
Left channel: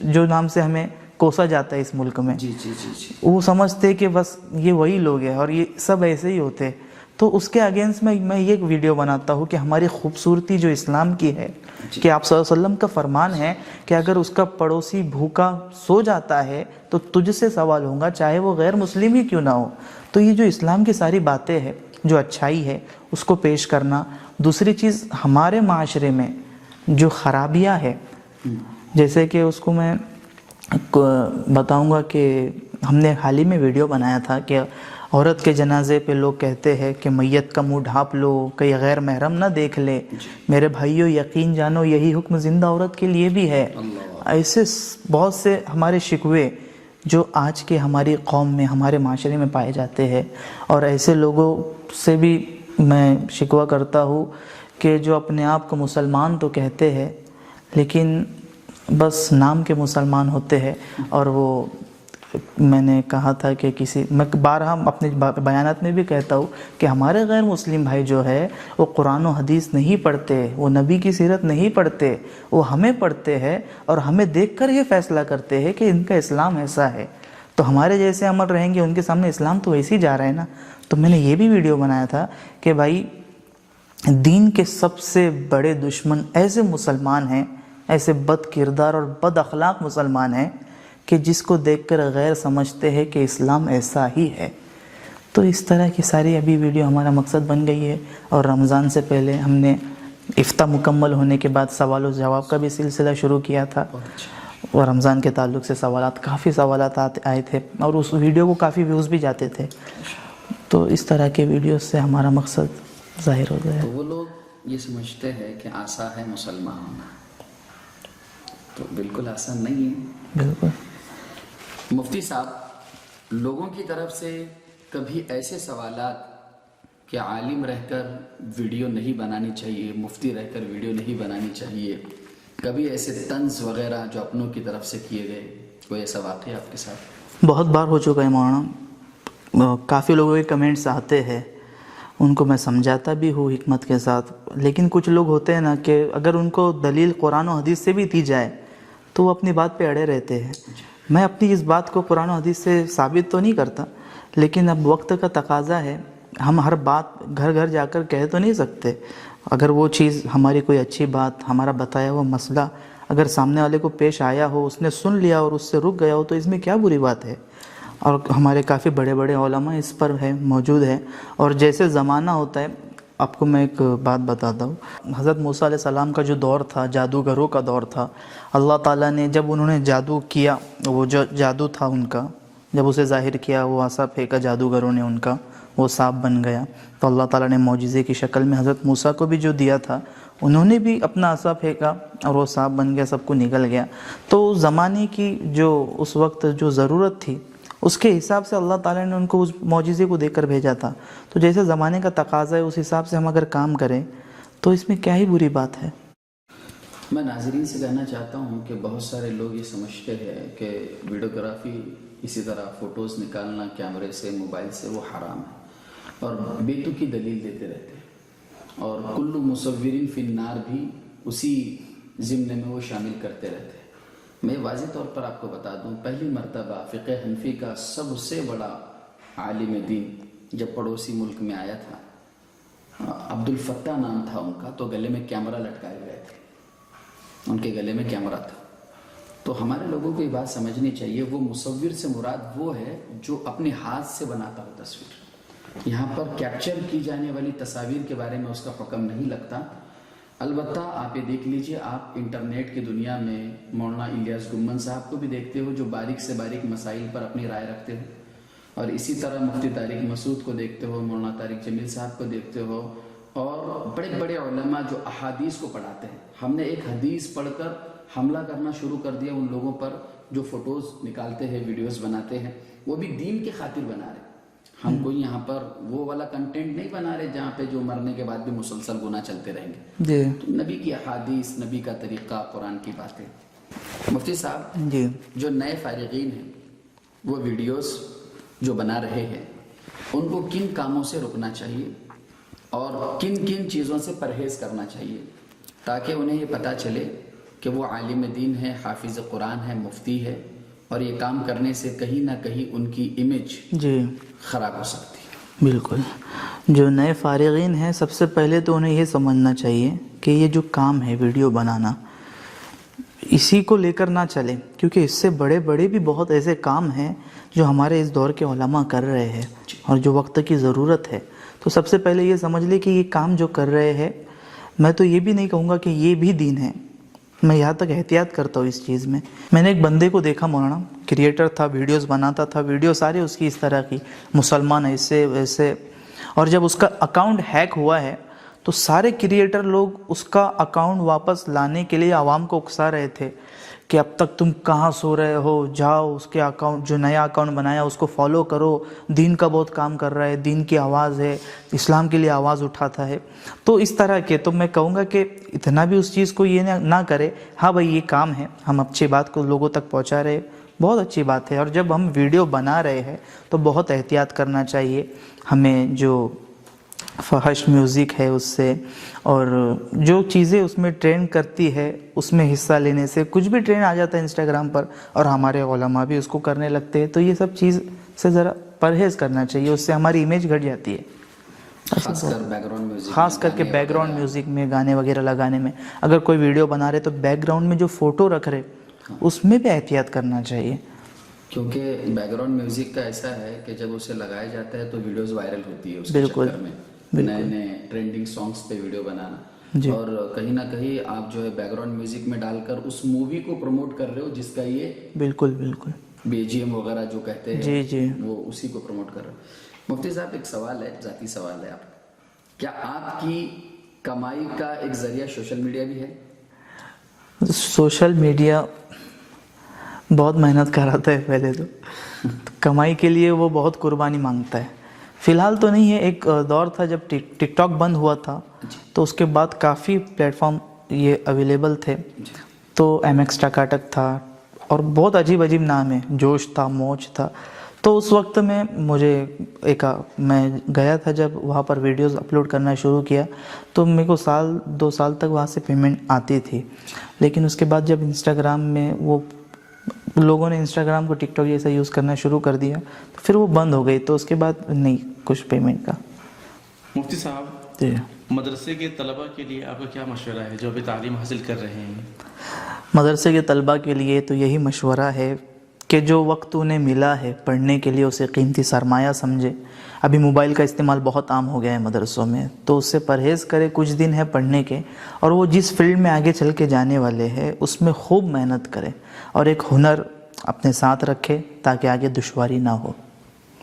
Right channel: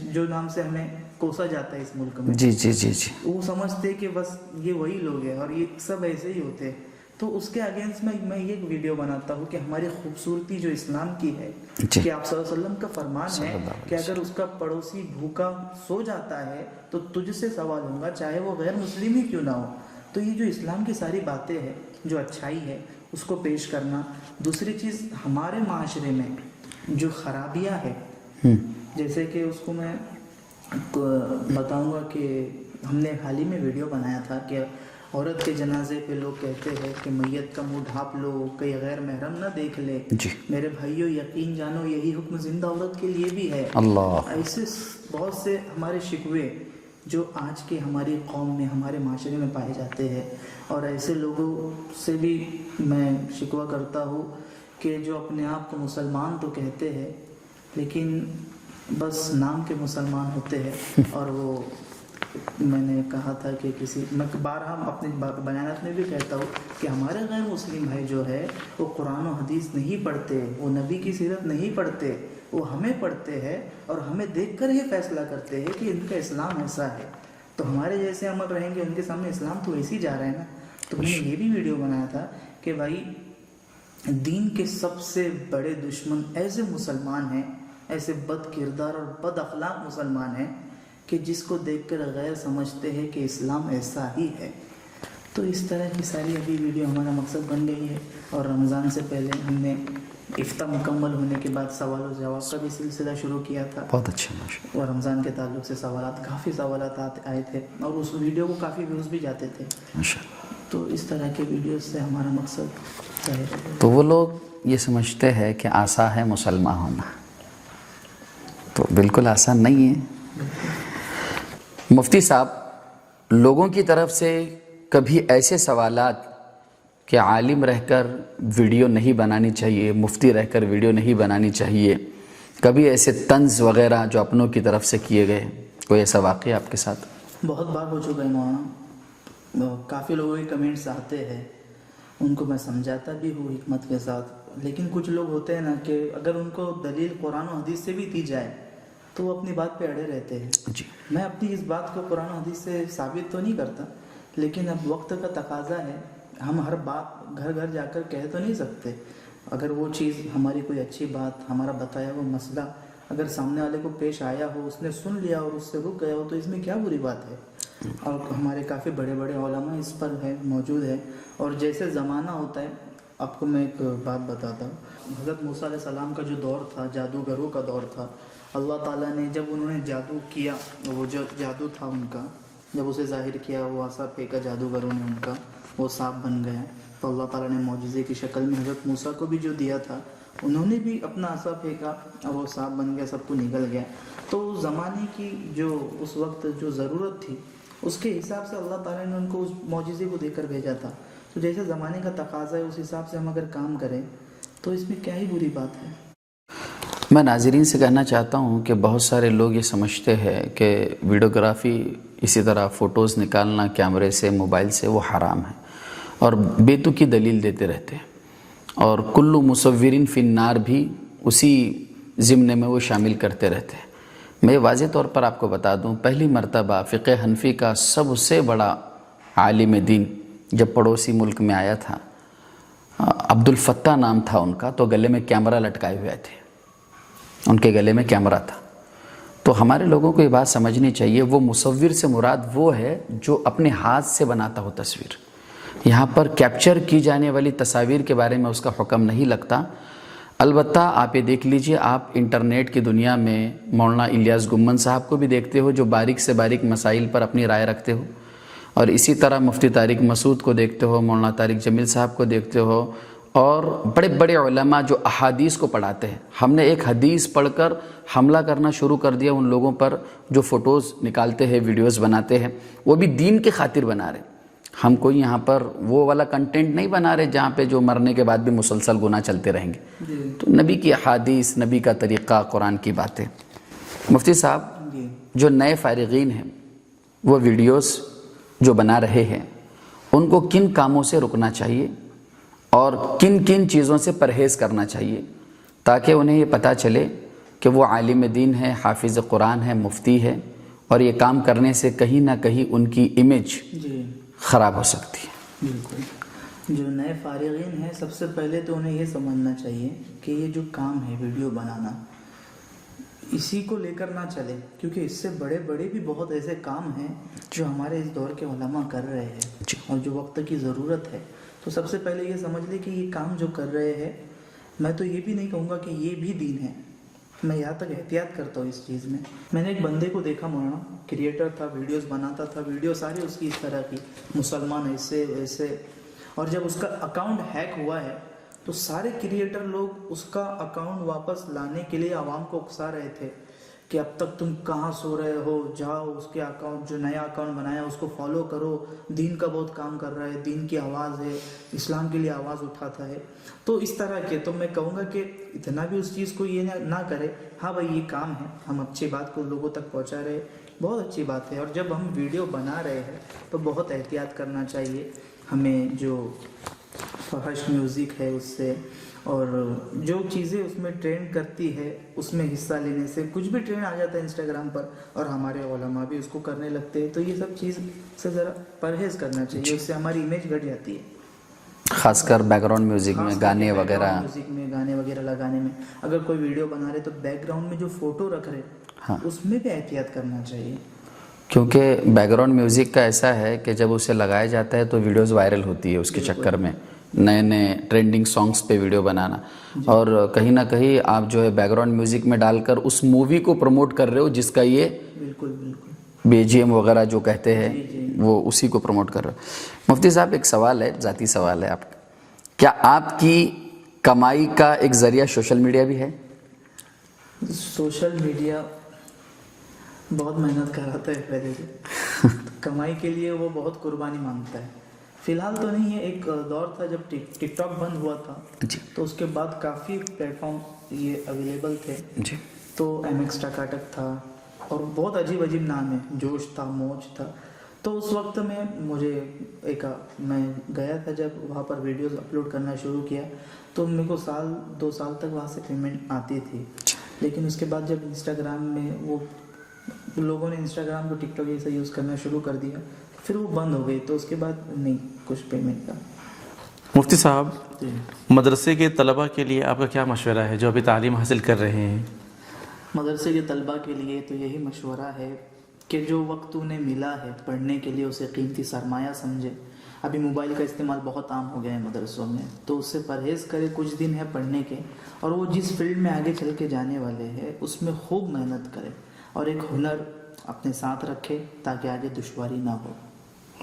جو نام سے ہمیں کوسا جاتا ہے اس ملک میں، جی جی جی جی، وہ سمجھتے کہ بس یہ وہی لوگ ہیں اور یہ سب ایسے ہی ہوتے ہیں۔ تو اس کے اگینسٹ میں یہ ویڈیو بناتا ہوں کہ ہماری خوبصورتی جو اسلام کی ہے، کہ آپ صلی اللہ علیہ وسلم کا فرمان ہے کہ اگر اس کا پڑوسی بھوکا سو جاتا ہے تو تجھ سے سوال ہوگا، چاہے وہ غیر مسلم ہی کیوں نہ ہو۔ تو یہ جو اسلام کی ساری باتیں ہیں، جو اچھائی ہے، اس کو پیش کرنا۔ دوسری چیز، ہمارے معاشرے میں جو خرابیاں ہے، جیسے کہ اس کو میں بتاؤں گا کہ ہم نے حال ہی میں ویڈیو بنایا تھا کہ عورت کے جنازے پہ لوگ کہتے ہیں کہ میت کا منہ ڈھانپ لو، کہیں غیر محرم نہ دیکھ لے۔ میرے بھائیو، یقین جانو یہی حکم زندہ عورت کے لیے بھی ہے۔ ایسے بہت سے ہمارے شکوے جو آج کے ہماری قوم میں، ہمارے معاشرے میں پائے جاتے ہیں، اور ایسے لوگوں سے بھی میں شکوہ کرتا ہوں کہ جو اپنے آپ کو مسلمان تو کہتے ہیں لیکن بس نام کے مسلمان ہوتے ہیں۔ اور وہ میں نے کہا تھا کہ میں بارہا اپنے بیانات میں بھی کہتا ہوں کہ ہمارے غیر مسلم بھائی جو ہے وہ قرآن و حدیث نہیں پڑھتے، وہ نبی کی سیرت نہیں پڑھتے، وہ ہمیں پڑھتے ہیں اور ہمیں دیکھ کر یہ فیصلہ کرتے ہیں کہ ان کا اسلام ایسا ہے، تو ہمارے جیسے عمل رہیں گے ان کے سامنے اسلام تو ویسے ہی جا رہا ہے نا۔ تو میں نے یہ بھی ویڈیو بنایا تھا کہ بھائی، دین کے سب سے بڑے دشمن ایسے مسلمان ہیں، ایسے بد کردار اور بد اخلاق مسلمان ہیں کہ جس کو دیکھ کر غیر سمجھتے ہیں کہ اسلام ایسا ہی ہے۔ تو اس طرح کی ساری ابھی ویڈیو ہمارا مقصد بن گئی ہے۔ اور رمضان سے پہلے ہم نے افتاح مکمل ہونے کے بعد سوال و جواب کا بھی سلسلہ شروع کیا تھا۔ بہت اچھا۔ اور رمضان کے تعلق سے کافی سوالات آئے تھے، اور اس ویڈیو کو کافی ویوز بھی جاتے تھے۔ تو اس طرح کے ویڈیوز سے ہمارا مقصد ظاہر ہو گیا. تو وہ لوگ یہ سمجھتے ہیں کہ آسان ہے مسلمان ہونا، تو بالکل آسان نہیں ہے. بالکل. مفتی صاحب، لوگوں کی طرف سے کبھی ایسے سوالات کہ عالم رہ کر ویڈیو نہیں بنانی چاہیے، مفتی رہ کر ویڈیو نہیں بنانی چاہیے، کبھی ایسے طنز وغیرہ جو اپنوں کی طرف سے کیے گئے، کوئی ایسا واقعہ آپ کے ساتھ؟ بہت بار ہو چکا ہے مولانا. کافی لوگوں کے کمنٹس آتے ہیں، ان کو میں سمجھاتا بھی ہوں حکمت کے ساتھ، لیکن کچھ لوگ ہوتے ہیں نا کہ اگر ان کو دلیل قرآن و حدیث سے بھی دی جائے تو وہ اپنی بات پہ اڑے رہتے ہیں. میں اپنی اس بات کو قرآن و حدیث سے ثابت تو نہیں کرتا، لیکن اب وقت کا تقاضا ہے. ہم ہر بات گھر گھر جا کر کہہ تو نہیں سکتے. اگر وہ چیز ہماری کوئی اچھی بات، ہمارا بتایا ہوا مسئلہ اگر سامنے والے کو پیش آیا ہو، اس نے سن لیا اور اس سے رک گیا ہو، تو اس میں کیا بری بات ہے. اور ہمارے کافی بڑے بڑے علماء اس پر ہیں، موجود ہیں. اور جیسے زمانہ ہوتا ہے، آپ کو میں ایک بات بتاتا ہوں. حضرت موسیٰ علیہ السلام کا جو دور تھا، جادوگروں کا دور تھا. اللہ تعالیٰ نے جب انہوں نے جادو کیا، وہ جو جادو تھا ان کا، جب اسے ظاہر کیا، وہ عصا پھینکا جادوگروں نے ان کا، وہ سانپ بن گیا. تو اللہ تعالیٰ نے معجزے کی شکل میں حضرت موسیٰ کو بھی جو دیا تھا، انہوں نے بھی اپنا عصا پھینکا اور وہ سانپ بن گیا، سب کو نکل گیا. تو زمانے کی جو اس وقت جو ضرورت تھی، اس کے حساب سے اللہ تعالیٰ نے ان کو اس معجزے کو دے کر بھیجا تھا. تو جیسے زمانے کا تقاضا ہے، اس حساب سے ہم اگر کام کریں تو اس میں کیا ہی بری بات ہے. میں ناظرین سے کہنا چاہتا ہوں کہ بہت سارے لوگ یہ سمجھتے ہیں کہ ویڈیوگرافی، اسی طرح فوٹوز نکالنا کیمرے سے، موبائل سے، وہ حرام ہے، اور بیتو کی دلیل دیتے رہتے ہیں. اور کلو مصورین فی النار بھی اسی ضمن میں وہ شامل کرتے رہتے ہیں. میں واضح طور پر آپ کو بتا دوں، پہلی مرتبہ فقہ حنفی کا سب سے بڑا عالم دین جب پڑوسی ملک میں آیا تھا، عبد الفتاح نام تھا ان کا، تو گلے میں کیمرہ لٹکائے ہوئے تھے، ان کے گلے میں کیمرہ تھا. تو ہمارے لوگوں کو یہ بات سمجھنی چاہیے، وہ مصور سے مراد وہ ہے جو اپنے ہاتھ سے بناتا ہو تصویر. یہاں پر کیپچر کی جانے والی تصاویر کے بارے میں اس کا حکم نہیں لگتا. البتہ آپ یہ دیکھ لیجئے، آپ انٹرنیٹ کی دنیا میں مولانا الیاس گمن صاحب کو بھی دیکھتے ہو جو باریک سے باریک مسائل پر اپنی رائے رکھتے ہو، اور اسی طرح مفتی طارق مسعود کو دیکھتے ہو، مولانا طارق جمیل صاحب کو دیکھتے ہو، اور بڑے بڑے علماء جو احادیث کو پڑھاتے ہیں. ہم نے ایک حدیث پڑھ کر حملہ کرنا شروع کر دیا ان لوگوں پر جو فوٹوز نکالتے ہیں، ویڈیوز بناتے ہیں، وہ بھی دین کے خاطر بنا رہے. ہم کوئی یہاں پر وہ والا کنٹینٹ نہیں بنا رہے جہاں پہ جو مرنے کے بعد بھی مسلسل گناہ چلتے رہیں گے. تو نبی کی احادیث، نبی کا طریقہ، قرآن کی باتیں. مفتی صاحب، جو نئے فارغین ہیں وہ ویڈیوز جو بنا رہے ہیں، ان کو کن کاموں سے رکنا چاہیے اور کن کن چیزوں سے پرہیز کرنا چاہیے تاکہ انہیں یہ پتہ چلے کہ وہ عالم دین ہے، حافظ قرآن ہے، مفتی ہے، اور یہ کام کرنے سے کہیں نہ کہیں ان کی امیج خراب ہو سکتی ہے. بالکل. جو نئے فارغین ہیں، سب سے پہلے تو انہیں یہ سمجھنا چاہیے کہ یہ جو کام ہے ویڈیو بنانا، اسی کو لے کر نہ چلے، کیونکہ اس سے بڑے بڑے بھی بہت ایسے کام ہیں جو ہمارے اس دور کے علماء کر رہے ہیں اور جو وقت کی ضرورت ہے. تو سب سے پہلے یہ سمجھ لے کہ یہ کام جو کر رہے ہیں، میں تو یہ بھی نہیں کہوں گا کہ یہ بھی دین ہے، میں یہاں تک احتیاط کرتا ہوں اس چیز میں. میں نے ایک بندے کو دیکھا مولانا، کریٹر تھا، ویڈیوز بناتا تھا، ویڈیو ساری اس کی اس طرح کی، مسلمان ایسے ویسے. اور جب اس کا اکاؤنٹ ہیک ہوا ہے تو سارے کریٹر لوگ اس کا اکاؤنٹ واپس لانے کے لیے عوام کو اکسا رہے تھے کہ اب تک تم کہاں سو رہے ہو، جاؤ اس کے اکاؤنٹ، جو نیا اکاؤنٹ بنایا اس کو فالو کرو، دین کا بہت کام کر رہا ہے، دین کی آواز ہے، اسلام کے لیے آواز اٹھاتا ہے. تو اس طرح کے، تو میں کہوں گا کہ اتنا بھی اس چیز کو یہ نہ کرے. ہاں بھائی، یہ کام ہے، ہم اچھی بات کو لوگوں تک پہنچا رہے، بہت اچھی بات ہے. اور جب ہم ویڈیو بنا رہے ہیں تو بہت احتیاط کرنا چاہیے ہمیں. جو فحش میوزک ہے اس سے، اور جو چیزیں اس میں ٹرینڈ کرتی ہے اس میں حصہ لینے سے، کچھ بھی ٹرینڈ آ جاتا ہے انسٹاگرام پر اور ہمارے علماء بھی اس کو کرنے لگتے ہیں، تو یہ سب چیز سے ذرا پرہیز کرنا چاہیے، اس سے ہماری امیج گھٹ جاتی ہے. خاص کر بیک گراؤنڈ میوزک میں، خاص کر کے بیک گراؤنڈ میوزک میں، گانے وغیرہ لگانے میں. اگر کوئی ویڈیو بنا رہے تو بیک گراؤنڈ میں جو فوٹو رکھ رہے اس میں بھی احتیاط کرنا چاہیے، کیونکہ بیک گراؤنڈ میوزک کا ایسا ہے کہ جب اسے لگایا جاتا ہے تو ویڈیوز وائرل ہوتی ہے اس کے چکر میں، نئے نئے ٹرینڈنگ سانگز پہ ویڈیو بنانا. اور کہیں نہ کہیں آپ جو ہے بیک گراؤنڈ میوزک میں ڈال کر اس مووی کو پروموٹ کر رہے ہو جس کا یہ بالکل بالکل BGM وغیرہ جو کہتے ہیں جی جی وہ اسی کو پروموٹ کر رہے ہو۔ مفتی صاحب ایک سوال ہے، ذاتی سوال ہے آپ کا، کیا آپ کی کمائی کا ایک ذریعہ سوشل میڈیا بھی ہے؟ سوشل میڈیا بہت محنت کراتا ہے پہلے تو کمائی کے لیے وہ بہت قربانی مانگتا ہے۔ فی الحال تو نہیں ہے، ایک دور تھا جب ٹک ٹاک بند ہوا تھا تو اس کے بعد کافی پلیٹ فارم یہ اویلیبل تھے، جی تو MX ٹکاٹک تھا اور بہت عجیب عجیب نام ہے، جوش تھا، موج تھا۔ تو اس وقت میں مجھے میں گیا تھا جب وہاں پر ویڈیوز اپلوڈ کرنا شروع کیا تو میرے کو 1-2 سال تک وہاں سے پیمنٹ آتی تھی، لیکن اس کے بعد جب انسٹاگرام میں وہ لوگوں نے انسٹاگرام کو ٹک ٹاک جیسا یوز کرنا شروع کر دیا تو پھر وہ بند ہو گئی، تو اس کے بعد نہیں کچھ پیمنٹ کا۔ مفتی صاحب، جی، مدرسے کے طلبہ کے لیے آپ کا کیا مشورہ ہے جو ابھی تعلیم حاصل کر رہے ہیں؟ مدرسے کے طلبہ کے لیے تو یہی مشورہ ہے کہ جو وقت انہیں ملا ہے پڑھنے کے لیے اسے قیمتی سرمایہ سمجھے۔ ابھی موبائل کا استعمال بہت عام ہو گیا ہے مدرسوں میں، تو اس سے پرہیز کرے، کچھ دن ہے پڑھنے کے، اور وہ جس فیلڈ میں آگے چل کے جانے والے ہیں اس میں خوب محنت کرے اور ایک ہنر اپنے ساتھ رکھے تاکہ آگے دشواری نہ ہو۔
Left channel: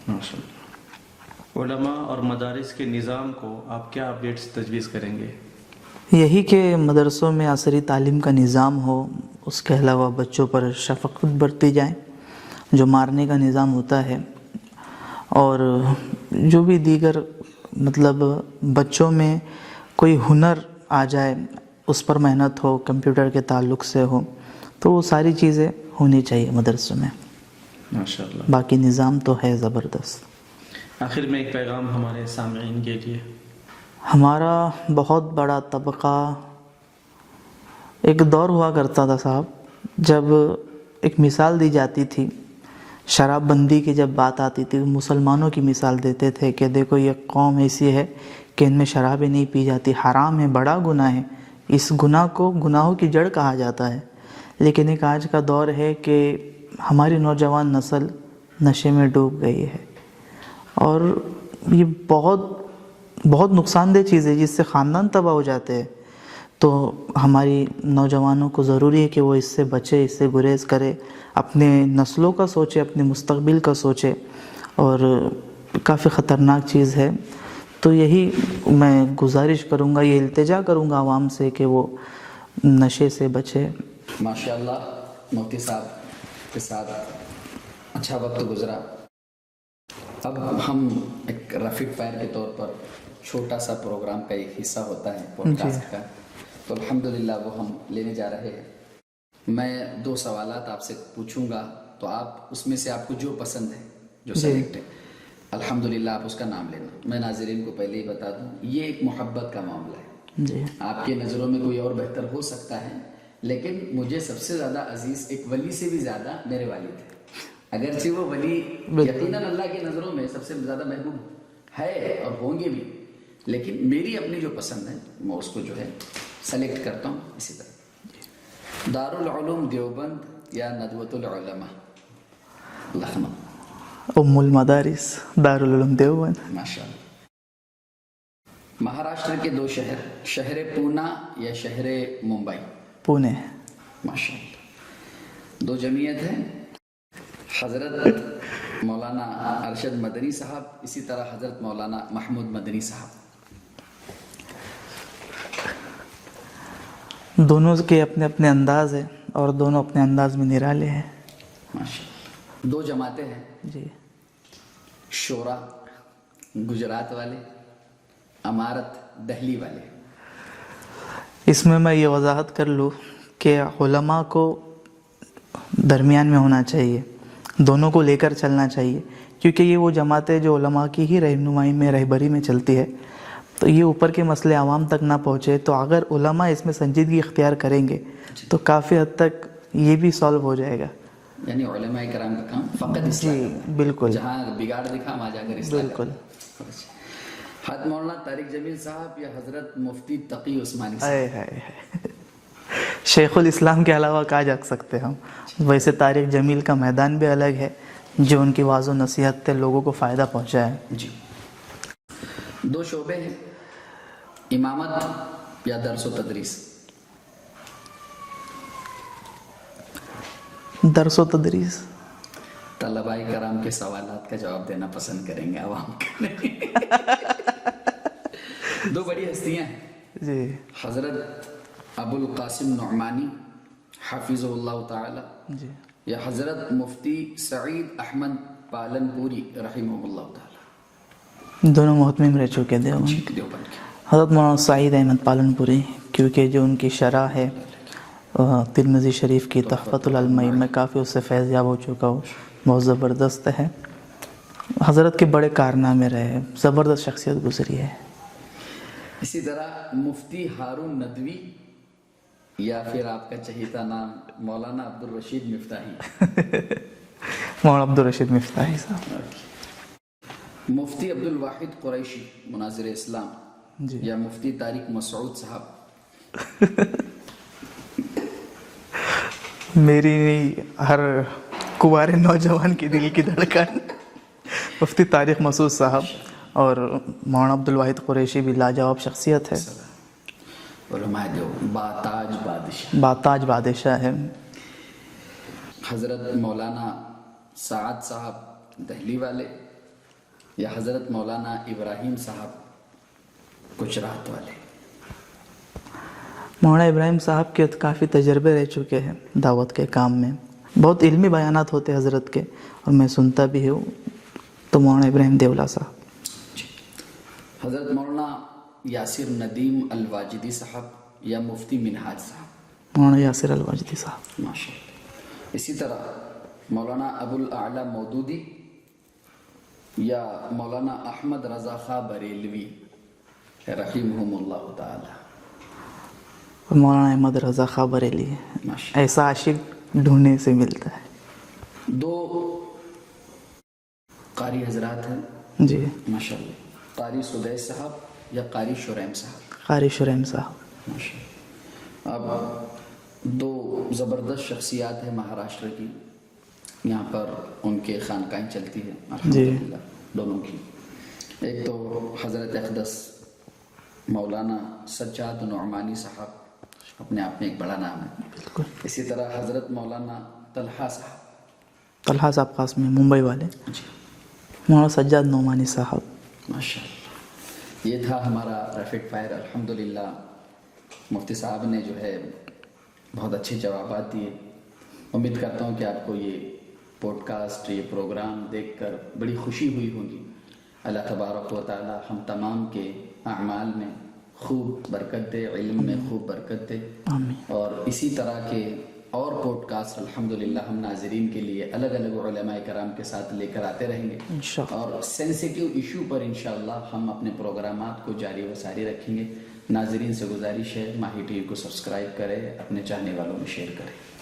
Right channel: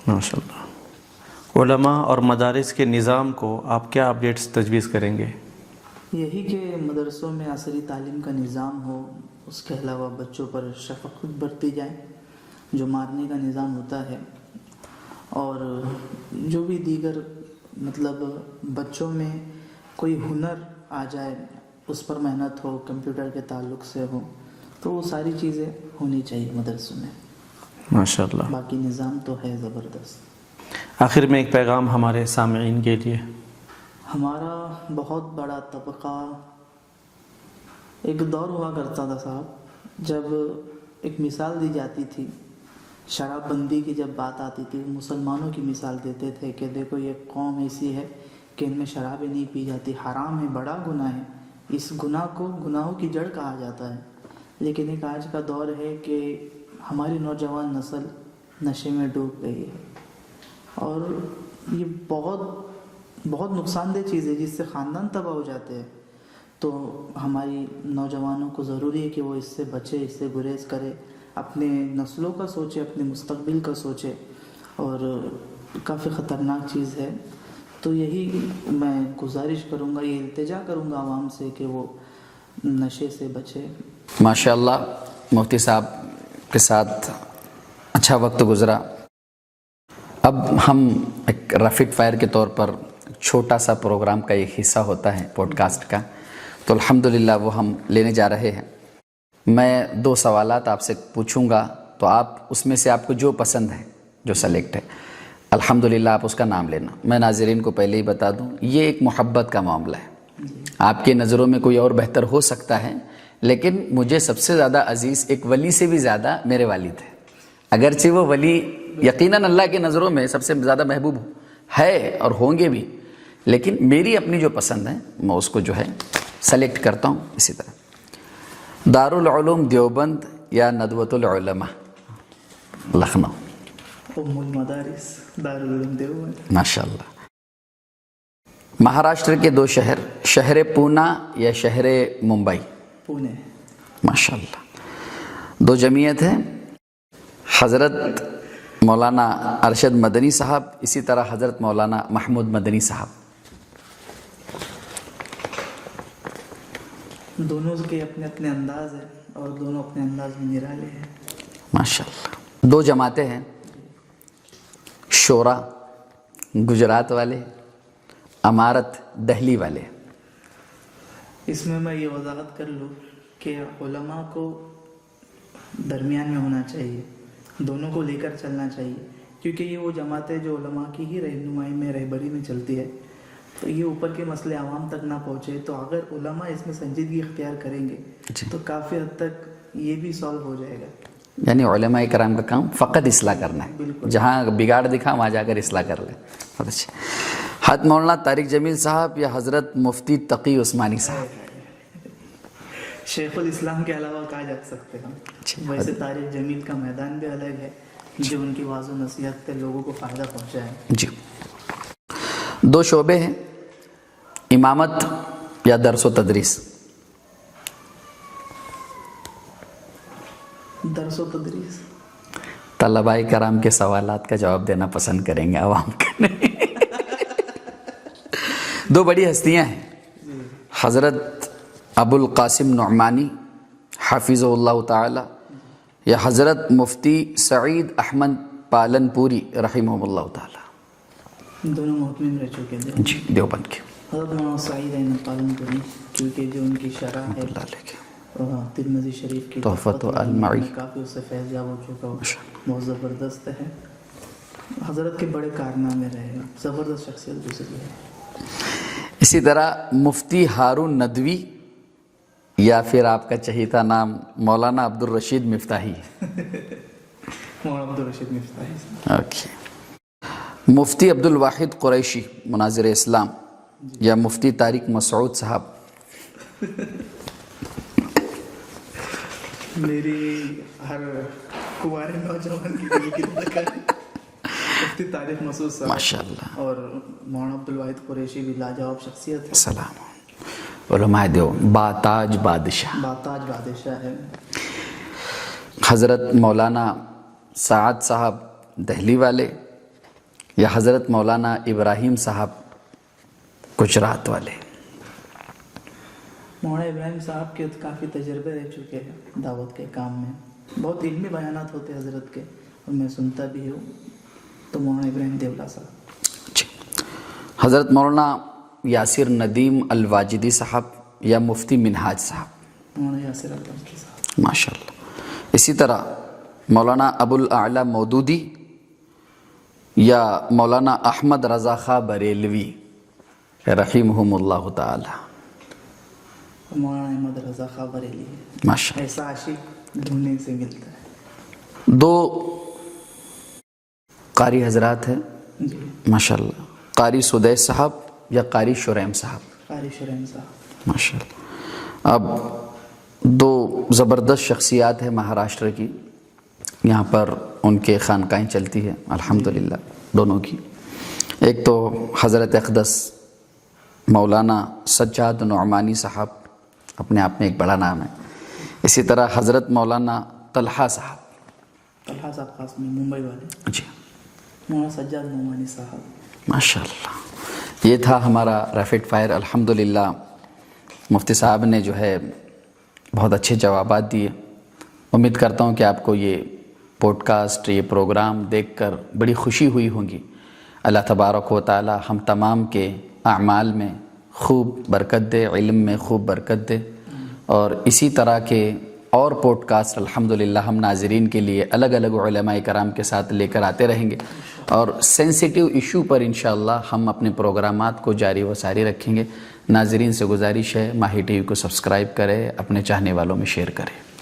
ماشاء اللہ۔ علماء اور مدارس کے نظام کو آپ کیا اپڈیٹس تجویز کریں گے؟ یہی کہ مدرسوں میں عصری تعلیم کا نظام ہو، اس کے علاوہ بچوں پر شفقت برتی جائے، جو مارنے کا نظام ہوتا ہے، اور جو بھی دیگر مطلب بچوں میں کوئی ہنر آ جائے اس پر محنت ہو، کمپیوٹر کے تعلق سے ہو، تو وہ ساری چیزیں ہونی چاہیے مدرسوں میں۔ ماشاء اللہ۔ باقی نظام تو ہے زبردست۔ آخر میں ایک پیغام ہمارے سامعین کے لیے۔ ہمارا بہت بڑا طبقہ، ایک دور ہوا کرتا تھا صاحب جب ایک مثال دی جاتی تھی، شراب بندی کی جب بات آتی تھی مسلمانوں کی مثال دیتے تھے کہ دیکھو یہ قوم ایسی ہے کہ ان میں شرابیں نہیں پی جاتی، حرام ہے، بڑا گناہ ہے، اس گناہ کو گناہوں کی جڑ کہا جاتا ہے۔ لیکن ایک آج کا دور ہے کہ ہماری نوجوان نسل نشے میں ڈوب گئی ہے، اور یہ بہت نقصان دہ چیز ہے جس سے خاندان تباہ ہو جاتے ہیں۔ تو ہماری نوجوانوں کو ضروری ہے کہ وہ اس سے بچے، اس سے گریز کرے، اپنے نسلوں کا سوچے، اپنے مستقبل کا سوچے، اور کافی خطرناک چیز ہے۔ تو یہی میں گزارش کروں گا، یہ التجا کروں گا عوام سے کہ وہ نشے سے بچے۔ ماشاءاللہ، مفتی صاحب کے ساتھ اچھا وقت گزرا۔ اب ہم ایک ریپڈ فائر کے طور پر چھوٹا سا پروگرام کا ایک حصہ ہوتا ہے پوڈ کاسٹ کا، تو الحمدللہ وہ ہم لینے جا رہے ہیں۔ میں 2 سوالات آپ سے پوچھوں گا، تو آپ اس میں سے آپ کو جو پسند ہے، جو سلیکٹ ہے، الحمدللہ آپ اس کا نام لینا۔ میں ناظرین کو پہلے ہی بتا دوں، یہ ایک محبت کا معاملہ ہے۔ جی، آپ کے نظروں میں کوئی اور بہتر ہو سکتا ہے، لیکن مجھے سب سے زیادہ عزیز ایک ولی سے بھی زیادہ میرے والد ہے۔ اگرچہ وہ ولی یقیناً اللہ کی نظروں میں سب سے زیادہ محبوب ہے اور ہوں گے بھی، لیکن میری اپنی جو پسند ہے میں اس کو جو ہے سلیکٹ کرتا ہوں اسی طرح۔ دارالعلوم دیوبند یا ندوۃ العلماء لکھنؤ؟ ام المدارس دارالعلوم دیوبند۔ ماشاءاللہ۔ مہاراشٹر کے 2 شہر، شہر پونا یا شہر ممبئی؟ پونے۔ ماشاءاللہ۔ 2 جمعیت ہیں، حضرت مولانا ارشد مدنی صاحب، اسی طرح حضرت مولانا محمود مدنی صاحب۔ دونوں کے اپنے اپنے انداز ہیں اور دونوں اپنے انداز میں نرالے ہیں۔ ماشاءاللہ۔ 2 جماعتیں ہیں، جی، شورا گجرات والے، امارت دہلی والے۔ اس میں یہ وضاحت کر لوں کہ علماء کو درمیان میں ہونا چاہیے، دونوں کو لے کر چلنا چاہیے، کیونکہ یہ وہ جماعتیں جو علماء کی ہی رہنمائی میں، رہبری میں چلتی ہے، تو یہ اوپر کے مسئلے عوام تک نہ پہنچے۔ تو اگر علماء اس میں سنجیدگی اختیار کریں گے تو کافی حد تک یہ بھی سالو ہو جائے گا۔ یعنی علماء کرام کا کام فقط اصلاح کرنا ہے، بالکل، جہاں بگاڑ دکھا وہاں جا کر اصلاح کرنا ہے۔ بہت اچھا۔ حضرت مولانا طارق جمیل صاحب یا حضرت مفتی تقی عثمانی صاحب؟ شیخ الاسلام کے علاوہ کہا جا سکتے ہم۔ ویسے طارق جمیل کا میدان بھی الگ ہے، جو ان کی واضح و نصیحت سے لوگوں کو فائدہ پہنچا ہے۔ جی۔ 2 شعبے ہیں، امامت یا درس و تدریس؟ درس و تدریس۔ طلباء کرام کے سوالات کا جواب دینا پسند کریں گے عوام کا. دو بڑی ہستیاں ہیں جی حضرت ابو القاسم نعمانی حافظ اللہ تعالی یا حضرت مفتی سعید احمد پالن پوری رحمہ اللہ تعالی. دونوں محتمم رہ چکے تھے. جی دیوبند کے. حضرت مولانا سعید احمد پالن پوری کیونکہ جو ان کی شرح ہے ترمذی شریف کی تحفۃ العلمین میں کافی اس سے فیض یاب ہو چکا ہو, بہت زبردست ہے. حضرت کے بڑے کارنامے رہے, زبردست شخصیت گزری ہے. اسی طرح مفتی ہارون ندوی یا پھر آپ کا چہیتا نام مولانا عبد الرشید مفتاحی. مولانا عبد الرشید مفتاحی صاحب. اوکے. مفتی عبد الواحد قریشی مناظر اسلام یا مفتی طارق مسعود صاحب. میری ہر کنوارے نوجوان کی دل کی دھڑکن مفتی طارق مسعود صاحب ماشاءاللہ. اور مولانا عبد الواحد قریشی بھی لاجواب شخصیت ہے. سلام علماء دیو باتاج بادشاہ. باتاج بادشاہ ہے. حضرت مولانا سعد صاحب دہلی والے یا حضرت مولانا ابراہیم صاحب گجرات والے. مولانا ابراہیم صاحب کے کافی تجربے رہ چکے ہیں دعوت کے کام میں, بہت علمی بیانات ہوتے حضرت کے اور میں سنتا بھی ہوں. تو مولانا ابراہیم دیولا صاحب. جی. حضرت مولانا یاسر ندیم الواجدی صاحب یا مفتی منہاج صاحب. مولانا یاسر الواجدی صاحب ماشاءاللہ. اسی طرح مولانا ابو الاعلی مودودی یا مولانا احمد رضا خاں بریلوی رحمہم اللہ تعالی. اور مولانا احمد رضا خاں بریلی ہے. ماشاءاللہ. ایسا عاشق ڈھونڈنے سے ملتا ہے. دو قاری حضرات ہیں جی ماشاءاللہ. قاری سدیس صاحب یا قاری شریم صاحب. قاری شریم صاحب ماشاءاللہ. اب دو زبردست شخصیات ہیں مہاراشٹر کی, یہاں پر ان کے خانقاہیں چلتی ہے الحمدللہ دونوں کی. ایک تو حضرت اقدس مولانا سجاد نعمانی صاحب, اپنے آپ میں ایک بڑا نام ہے. اسی طرح حضرت مولانا طلحہ صاحب. طلحہ صاحب خاص میں ممبئی والے. جی مولانا سجاد نعمانی صاحب ماشاءاللہ. یہ تھا ہمارا ریپڈ فائر. الحمدللہ مفتی صاحب نے جو ہے بہت اچھے جوابات دیے. امید کرتا ہوں کہ آپ کو یہ پوڈ کاسٹ, یہ پروگرام دیکھ کر بڑی خوشی ہوئی ہوگی. اللہ تبارک و تعالی ہم تمام کے اعمال میں خوب برکت دے, علم میں خوب برکت دے, اور اسی طرح کے اور پوڈ کاسٹ الحمدللہ ہم ناظرین کے لیے الگ الگ علماء کرام کے ساتھ لے کر آتے رہیں گے. اور سینسیٹیو ایشو پر انشاءاللہ ہم اپنے پروگرامات کو جاری و ساری رکھیں گے. ناظرین سے گزارش ہے ماہی ٹی وی کو سبسکرائب کریں, اپنے چاہنے والوں میں شیئر کریں.